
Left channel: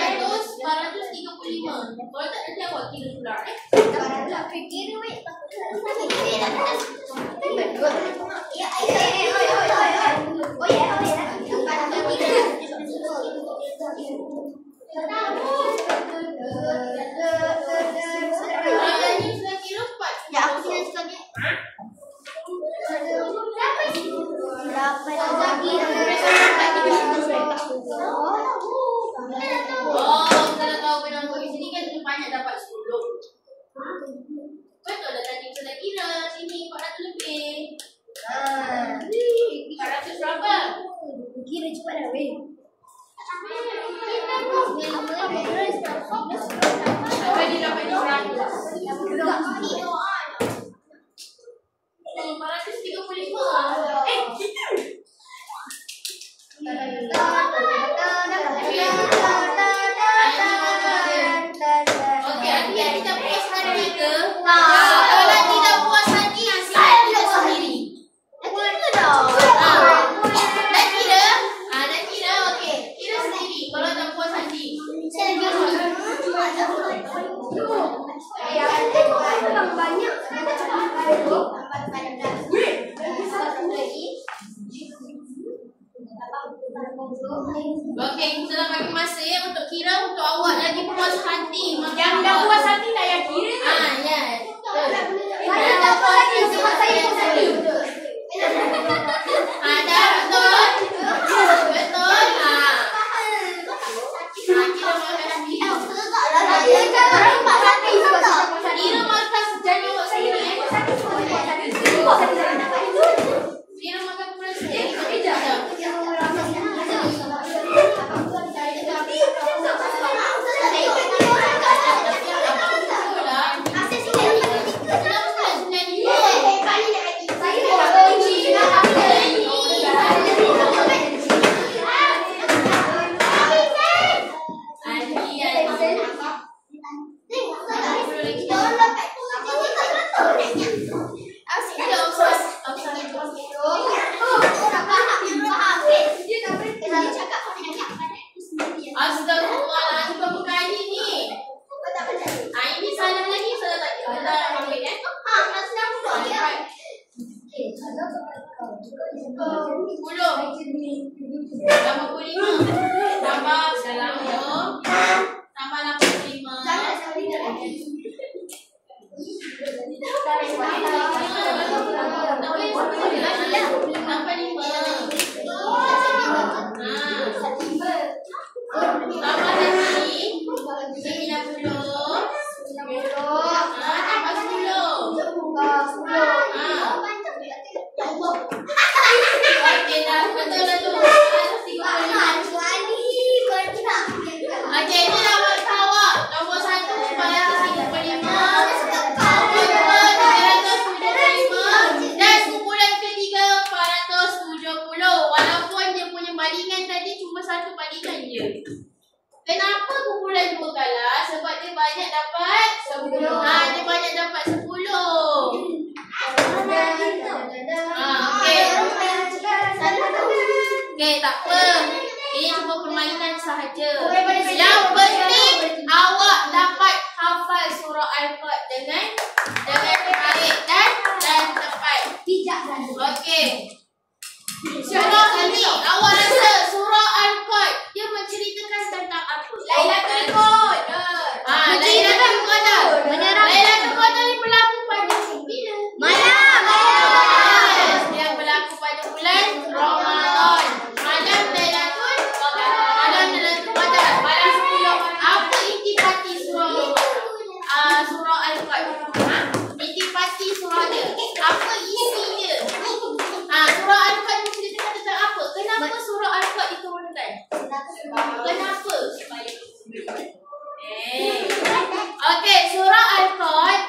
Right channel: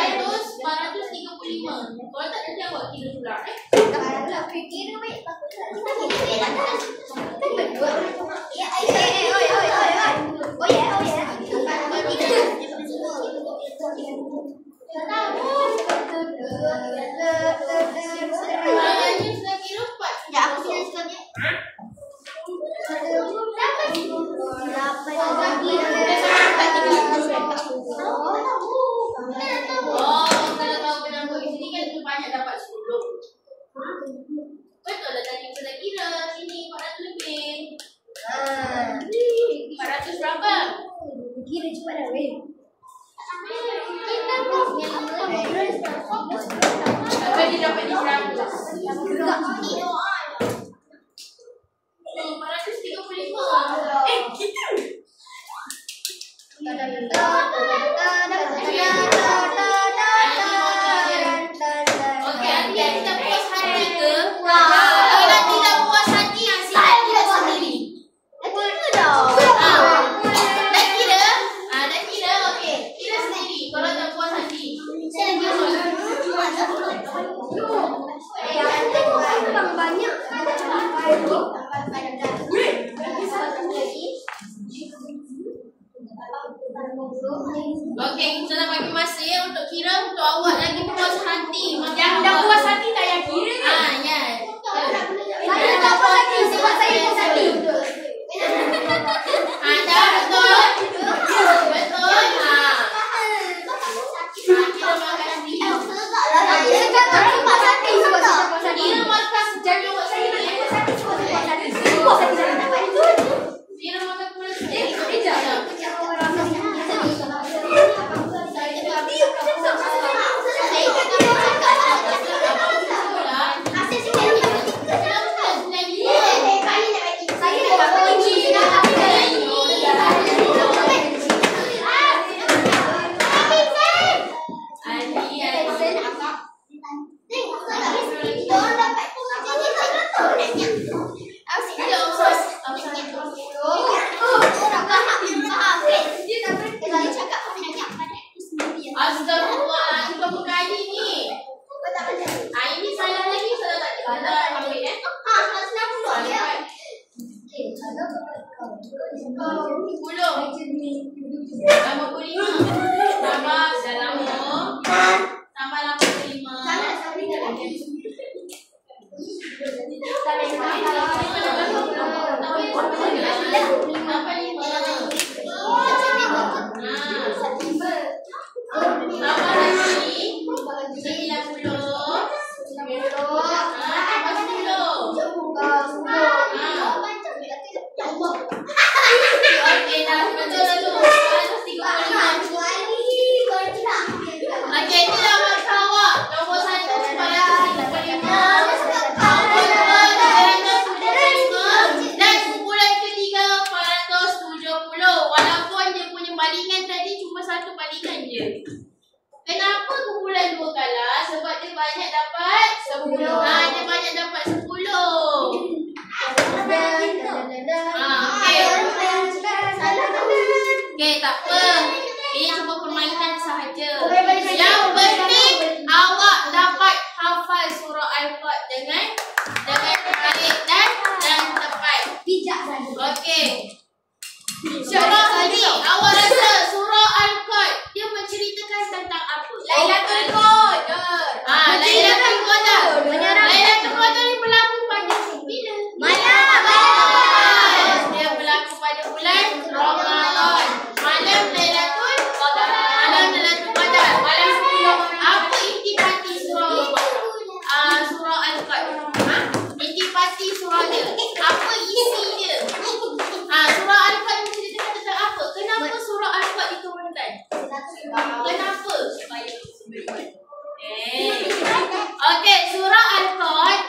400 Kalau tak nanti awak kira pula Fikir weh. Ni sudah kira 4. Ya, aku kira sekali. Oh, kalau kau dengan kau di sini kan banyak dapat 10. Betul dah tadi kita dah kira sini 400 lebih. 400 berapa? Kira cepat dah weh. Tadi dapat 100. 435. Kita. Okey, nanti yang tidak puas hati ke? Kalau tidak puas hati, silakan kira sendiri. Dah kira? Dah kira, okey. Kira sendiri kalau tak puas hati. Okey, kita nak bagi masa ya untuk kira untuk awak lagi puas hati. Yang dah puas hati tak payah kira. Ya. Yang dah puas hati saya sendiri. Dah betul? Betul? Kira markah sendiri. Kira markah sejalan awak sendiri ya. Kira markah kurang sendiri. Astagfirullahaladzim, berapa kali ni? Ini salah lagi, salah tak? Salah ambil kan? Tambah 45. Tambah 90. Tambah 85. Tambah 5. Tambah lagi 90. Tambah 10. Okey dah, betul dah tu. 135. Okey, ini dah markah awak. Nombor 1 435. Nombor 2 375. Dan kumpulan ketiga 470. Walaupun dia punya balingan tadi cuma satu balingan je. Kenapa kumpulan 2 kalah? Sebab dia banyak dapat 10. Dia banyak dapat 10. Okey, tak apa. Ini cuma permainan sahaja. Yang penting awak dapat hafal surah Al-Qad dengan baik dan tepat. Okey. Surah ini awak rasa surah Al-Qad dia menceritakan tentang apa? Lailatul Qadar. Lailatul Qadar. Lailatul Qadar ni berlaku pada bila? Dia berlaku pada bulan Ramadan. Malam Lailatul Qadar. Malam 10. Apa intisari surah Al-Qad? Intisari surah dia. Apa isi dia? Surah Al-Qad menceritakan tentang apa? Kenapa surah Al-Qad diturunkan? Kenapa? Okey, surah Al-Qad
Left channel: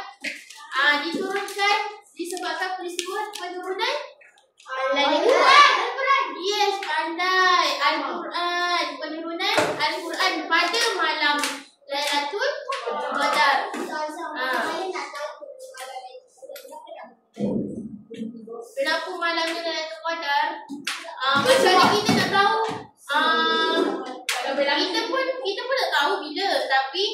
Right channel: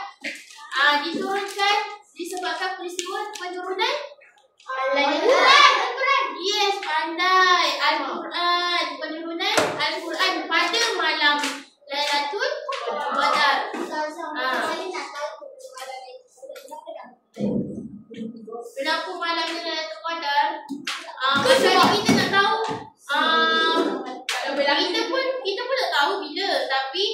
diturunkan disebabkan peristiwa penurunan Al-Quran. Yes, pandai. Al-Quran. Penurunan Al-Quran pada malam Lailatul Qadar. Kenapa malamnya Lailatul Qadar? Macam ni kita nak tahu. Kita pun tak tahu bila, tapi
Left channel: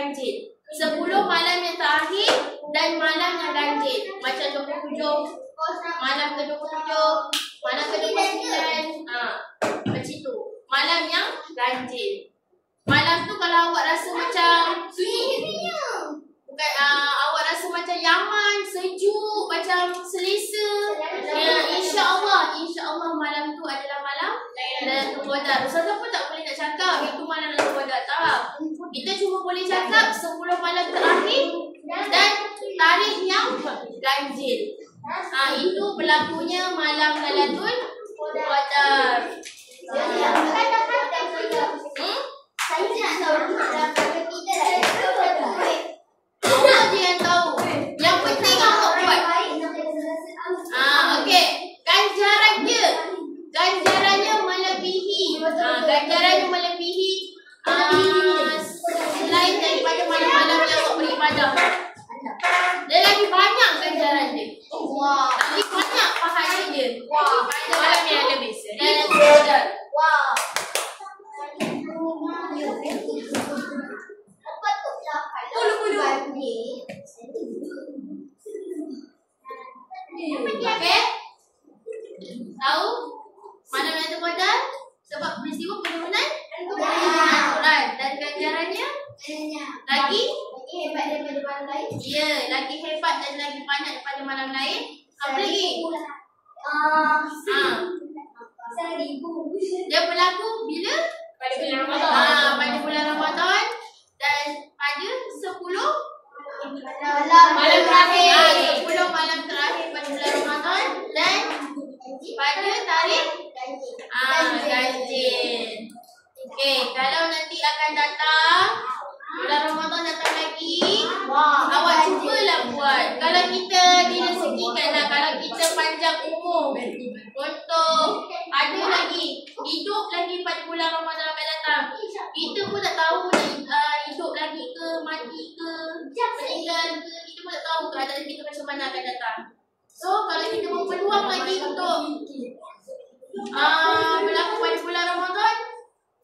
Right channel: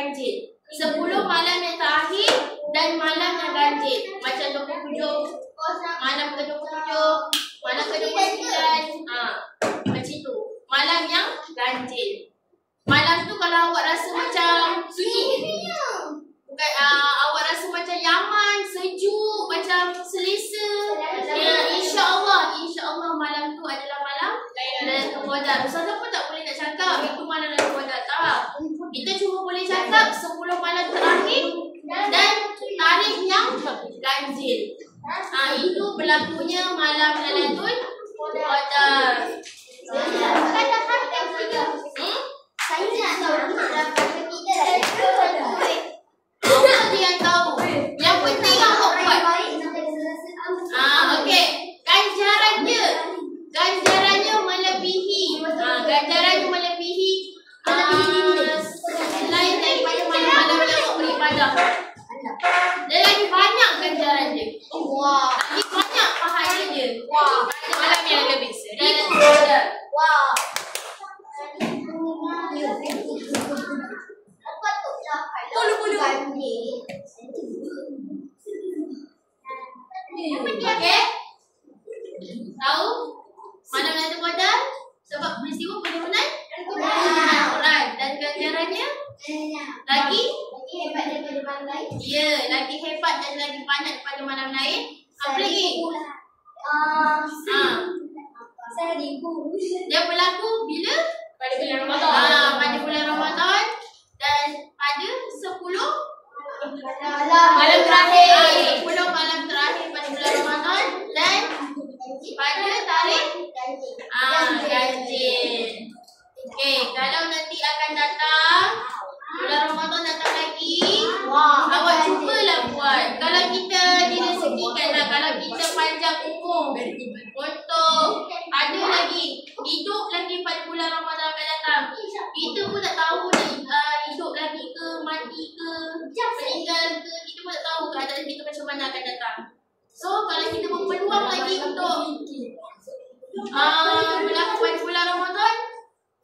ganjil. 10 malam yang terakhir dan malam yang ganjil. Macam 27, malam ke-27, malam ke-29. Macam tu. Malam yang ganjil. Malam tu kalau awak rasa macam bukan, awak rasa macam nyaman, sejuk, macam selesa, ya, insya-Allah malam tu adalah malam Lailatul Qadar. Ustazah pun tak boleh nak cakap itu malam Lailatul Qadar, tak. Kita cuma boleh cakap 10 malam terakhir dan tarikh yang ganjil. Itu berlakunya malam Lailatul Qadar. Allah je yang tahu. Yang penting awak buat. Okey. Ganjarannya melebihi. Ganjarannya melebihi selain daripada malam-malam yang awak beribadah. Dia lagi banyak ganjaran dia. Lagi banyak pahala dia. Pada malam yang lebih. Dan okey. Tahu malam Lailatul Qadar sebab peristiwa penurunan Al-Quran dan ganjarannya lagi hebat daripada malam lain. Ya, lagi hebat dan lagi banyak daripada malam lain. Apa lagi? Dia berlaku bila? Pada bulan Ramadan. Pada bulan Ramadan dan pada 10 malam terakhir. 10 malam terakhir pada bulan Ramadan dan pada tarikh ganjil. Okey, kalau nanti akan datang bulan Ramadan datang lagi, awak cubalah buat. Kalau kita direzekikanlah, kalau kita panjang umur untuk ada lagi hidup lagi pada bulan Ramadan akan datang. Kita pun tak tahu nak hidup lagi ke, mati ke, meninggal ke, kita pun tak tahu keadaan kita macam mana akan datang. So kalau kita berpeluang lagi untuk berlaku pada bulan Ramadan,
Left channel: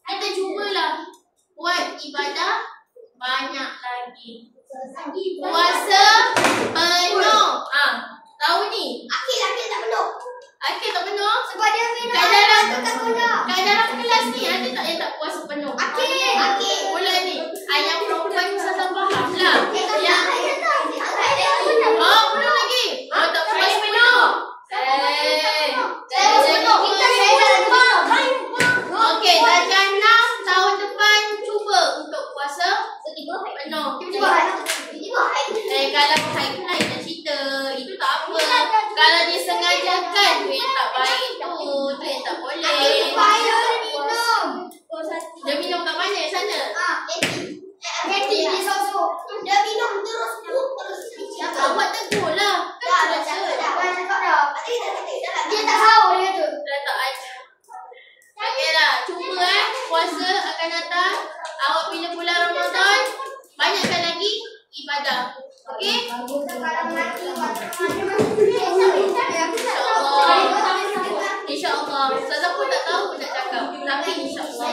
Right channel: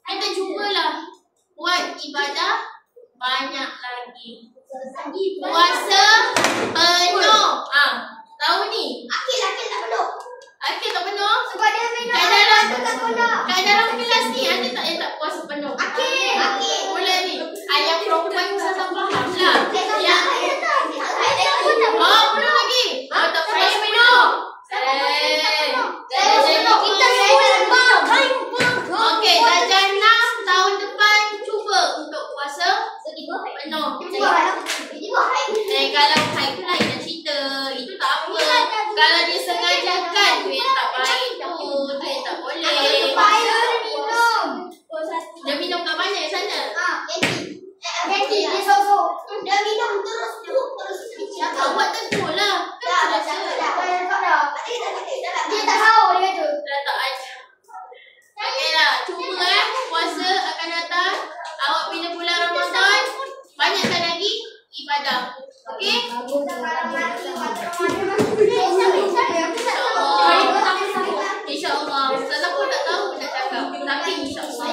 kita cubalah buat ibadah banyak lagi. Puasa penuh. Tahu ni? Akil tak penuh. Akil tak penuh? Sebab dia minum. Kat dalam kelas ni ada tak yang tak puasa penuh? Akil. Boleh ni. Ayah perempuan Ustazah faham lah. Belum lagi. Tak puasa penuh. Okey, darjah 6 tahun depan cuba untuk puasa penuh. Kalau haid pun lain nak cerita. Itu tak apa. Kalau dia sengajakan tu yang tak baik tu yang tak boleh. Dia minum kat mana sana? Dia sorok. Dia minum terus. Awak tegur lah. Dia tak tahu dia tu. Dah tak ajar. Okeylah, cuba puasa akan datang. Awak bila bulan Ramadan, banyakkan lagi ibadah. Okey? InsyaAllah. Ustazah pun tak tahu nak cakap. Tapi insyaAllah.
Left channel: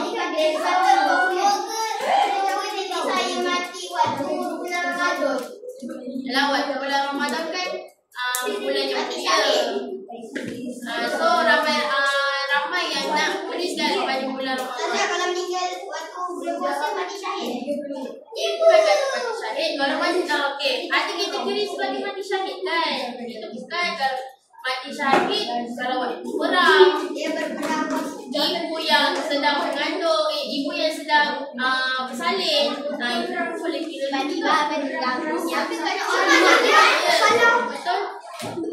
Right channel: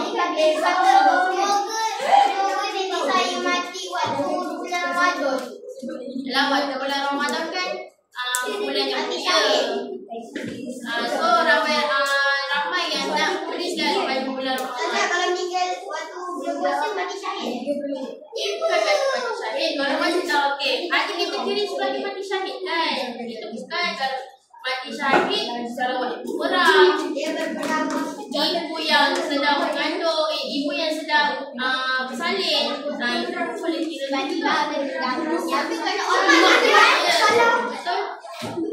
Saya mati waktu bulan Ramadan. Yalah, waktu bulan Ramadan kan bulan yang mulia. So ramai yang nak berikan pada bulan Ramadan. Kalau meninggal waktu bulan puasa mati syahid. Bukan kata mati syahid. Kalau mati okey. Ada kategori sebagai mati syahid kan. Itu bukan kalau mati syahid kalau waktu perang. Dia berperang. Ibu yang sedang mengandung, ibu yang sedang bersalin. Itu boleh kira lagi lah. Tapi kalau orang Betul?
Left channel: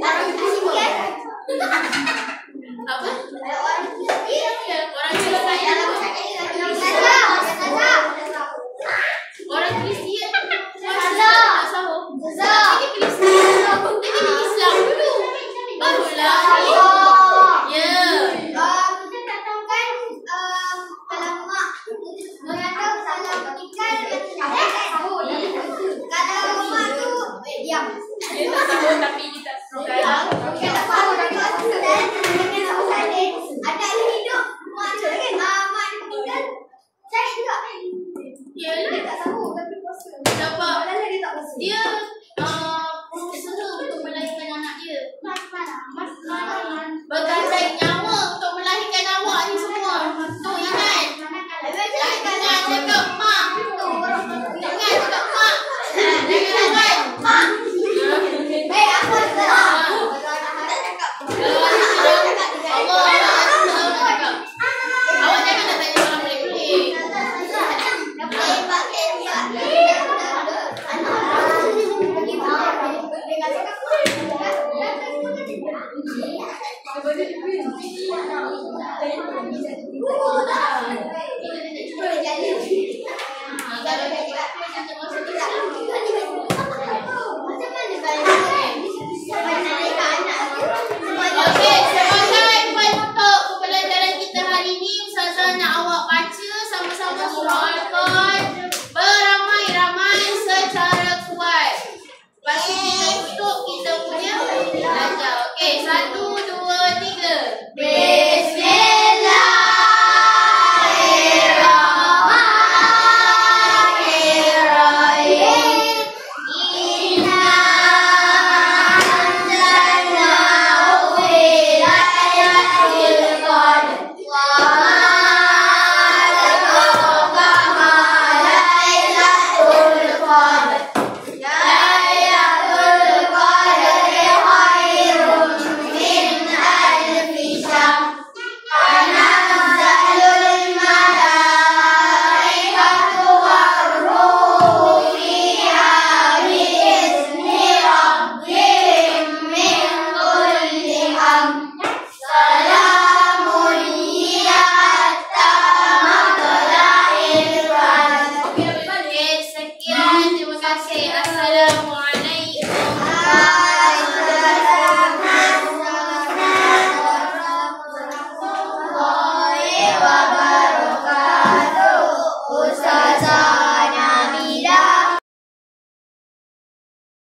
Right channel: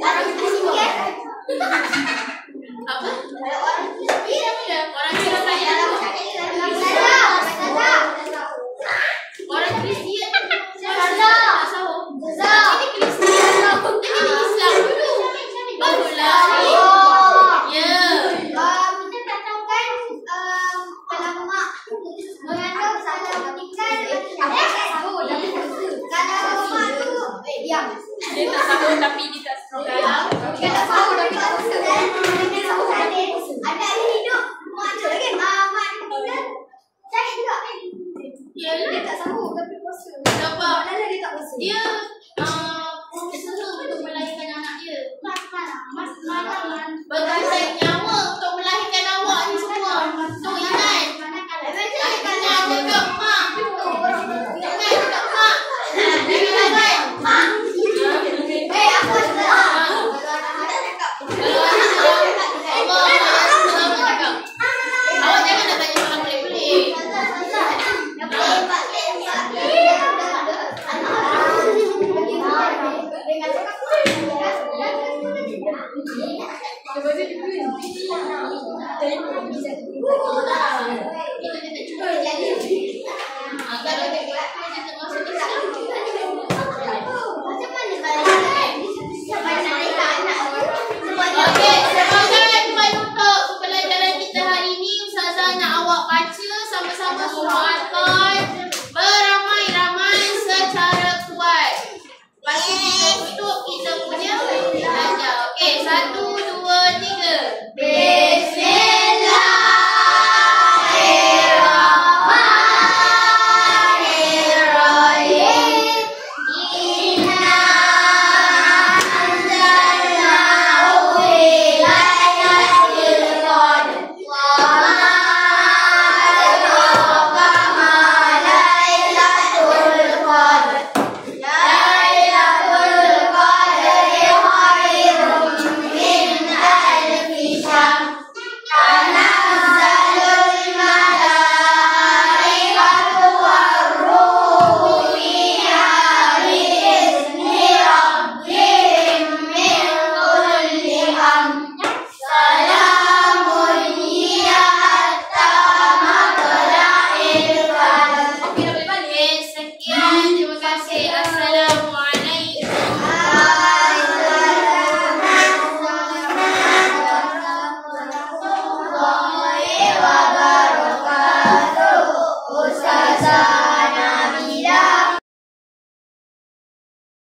orang Kristian. Apa? Kalau orang Kristian. Orang Kristian. Orang Kristian. Tak sahur. Tapi dia Kristian. Dia jadi Islam dulu. Barulah. Ya. Kita tak tahu kan kalau mak mengandung salah ikan sahur. Kalau mak tu diam. Dia tak sahur tapi kita sahur. Kita sahur tapi Kalau dia buat tu kita masuk kita. Okey, sebagai penutup pembelajaran kita hari ini, Ustazah nak awak baca sama-sama surah Al-Kahf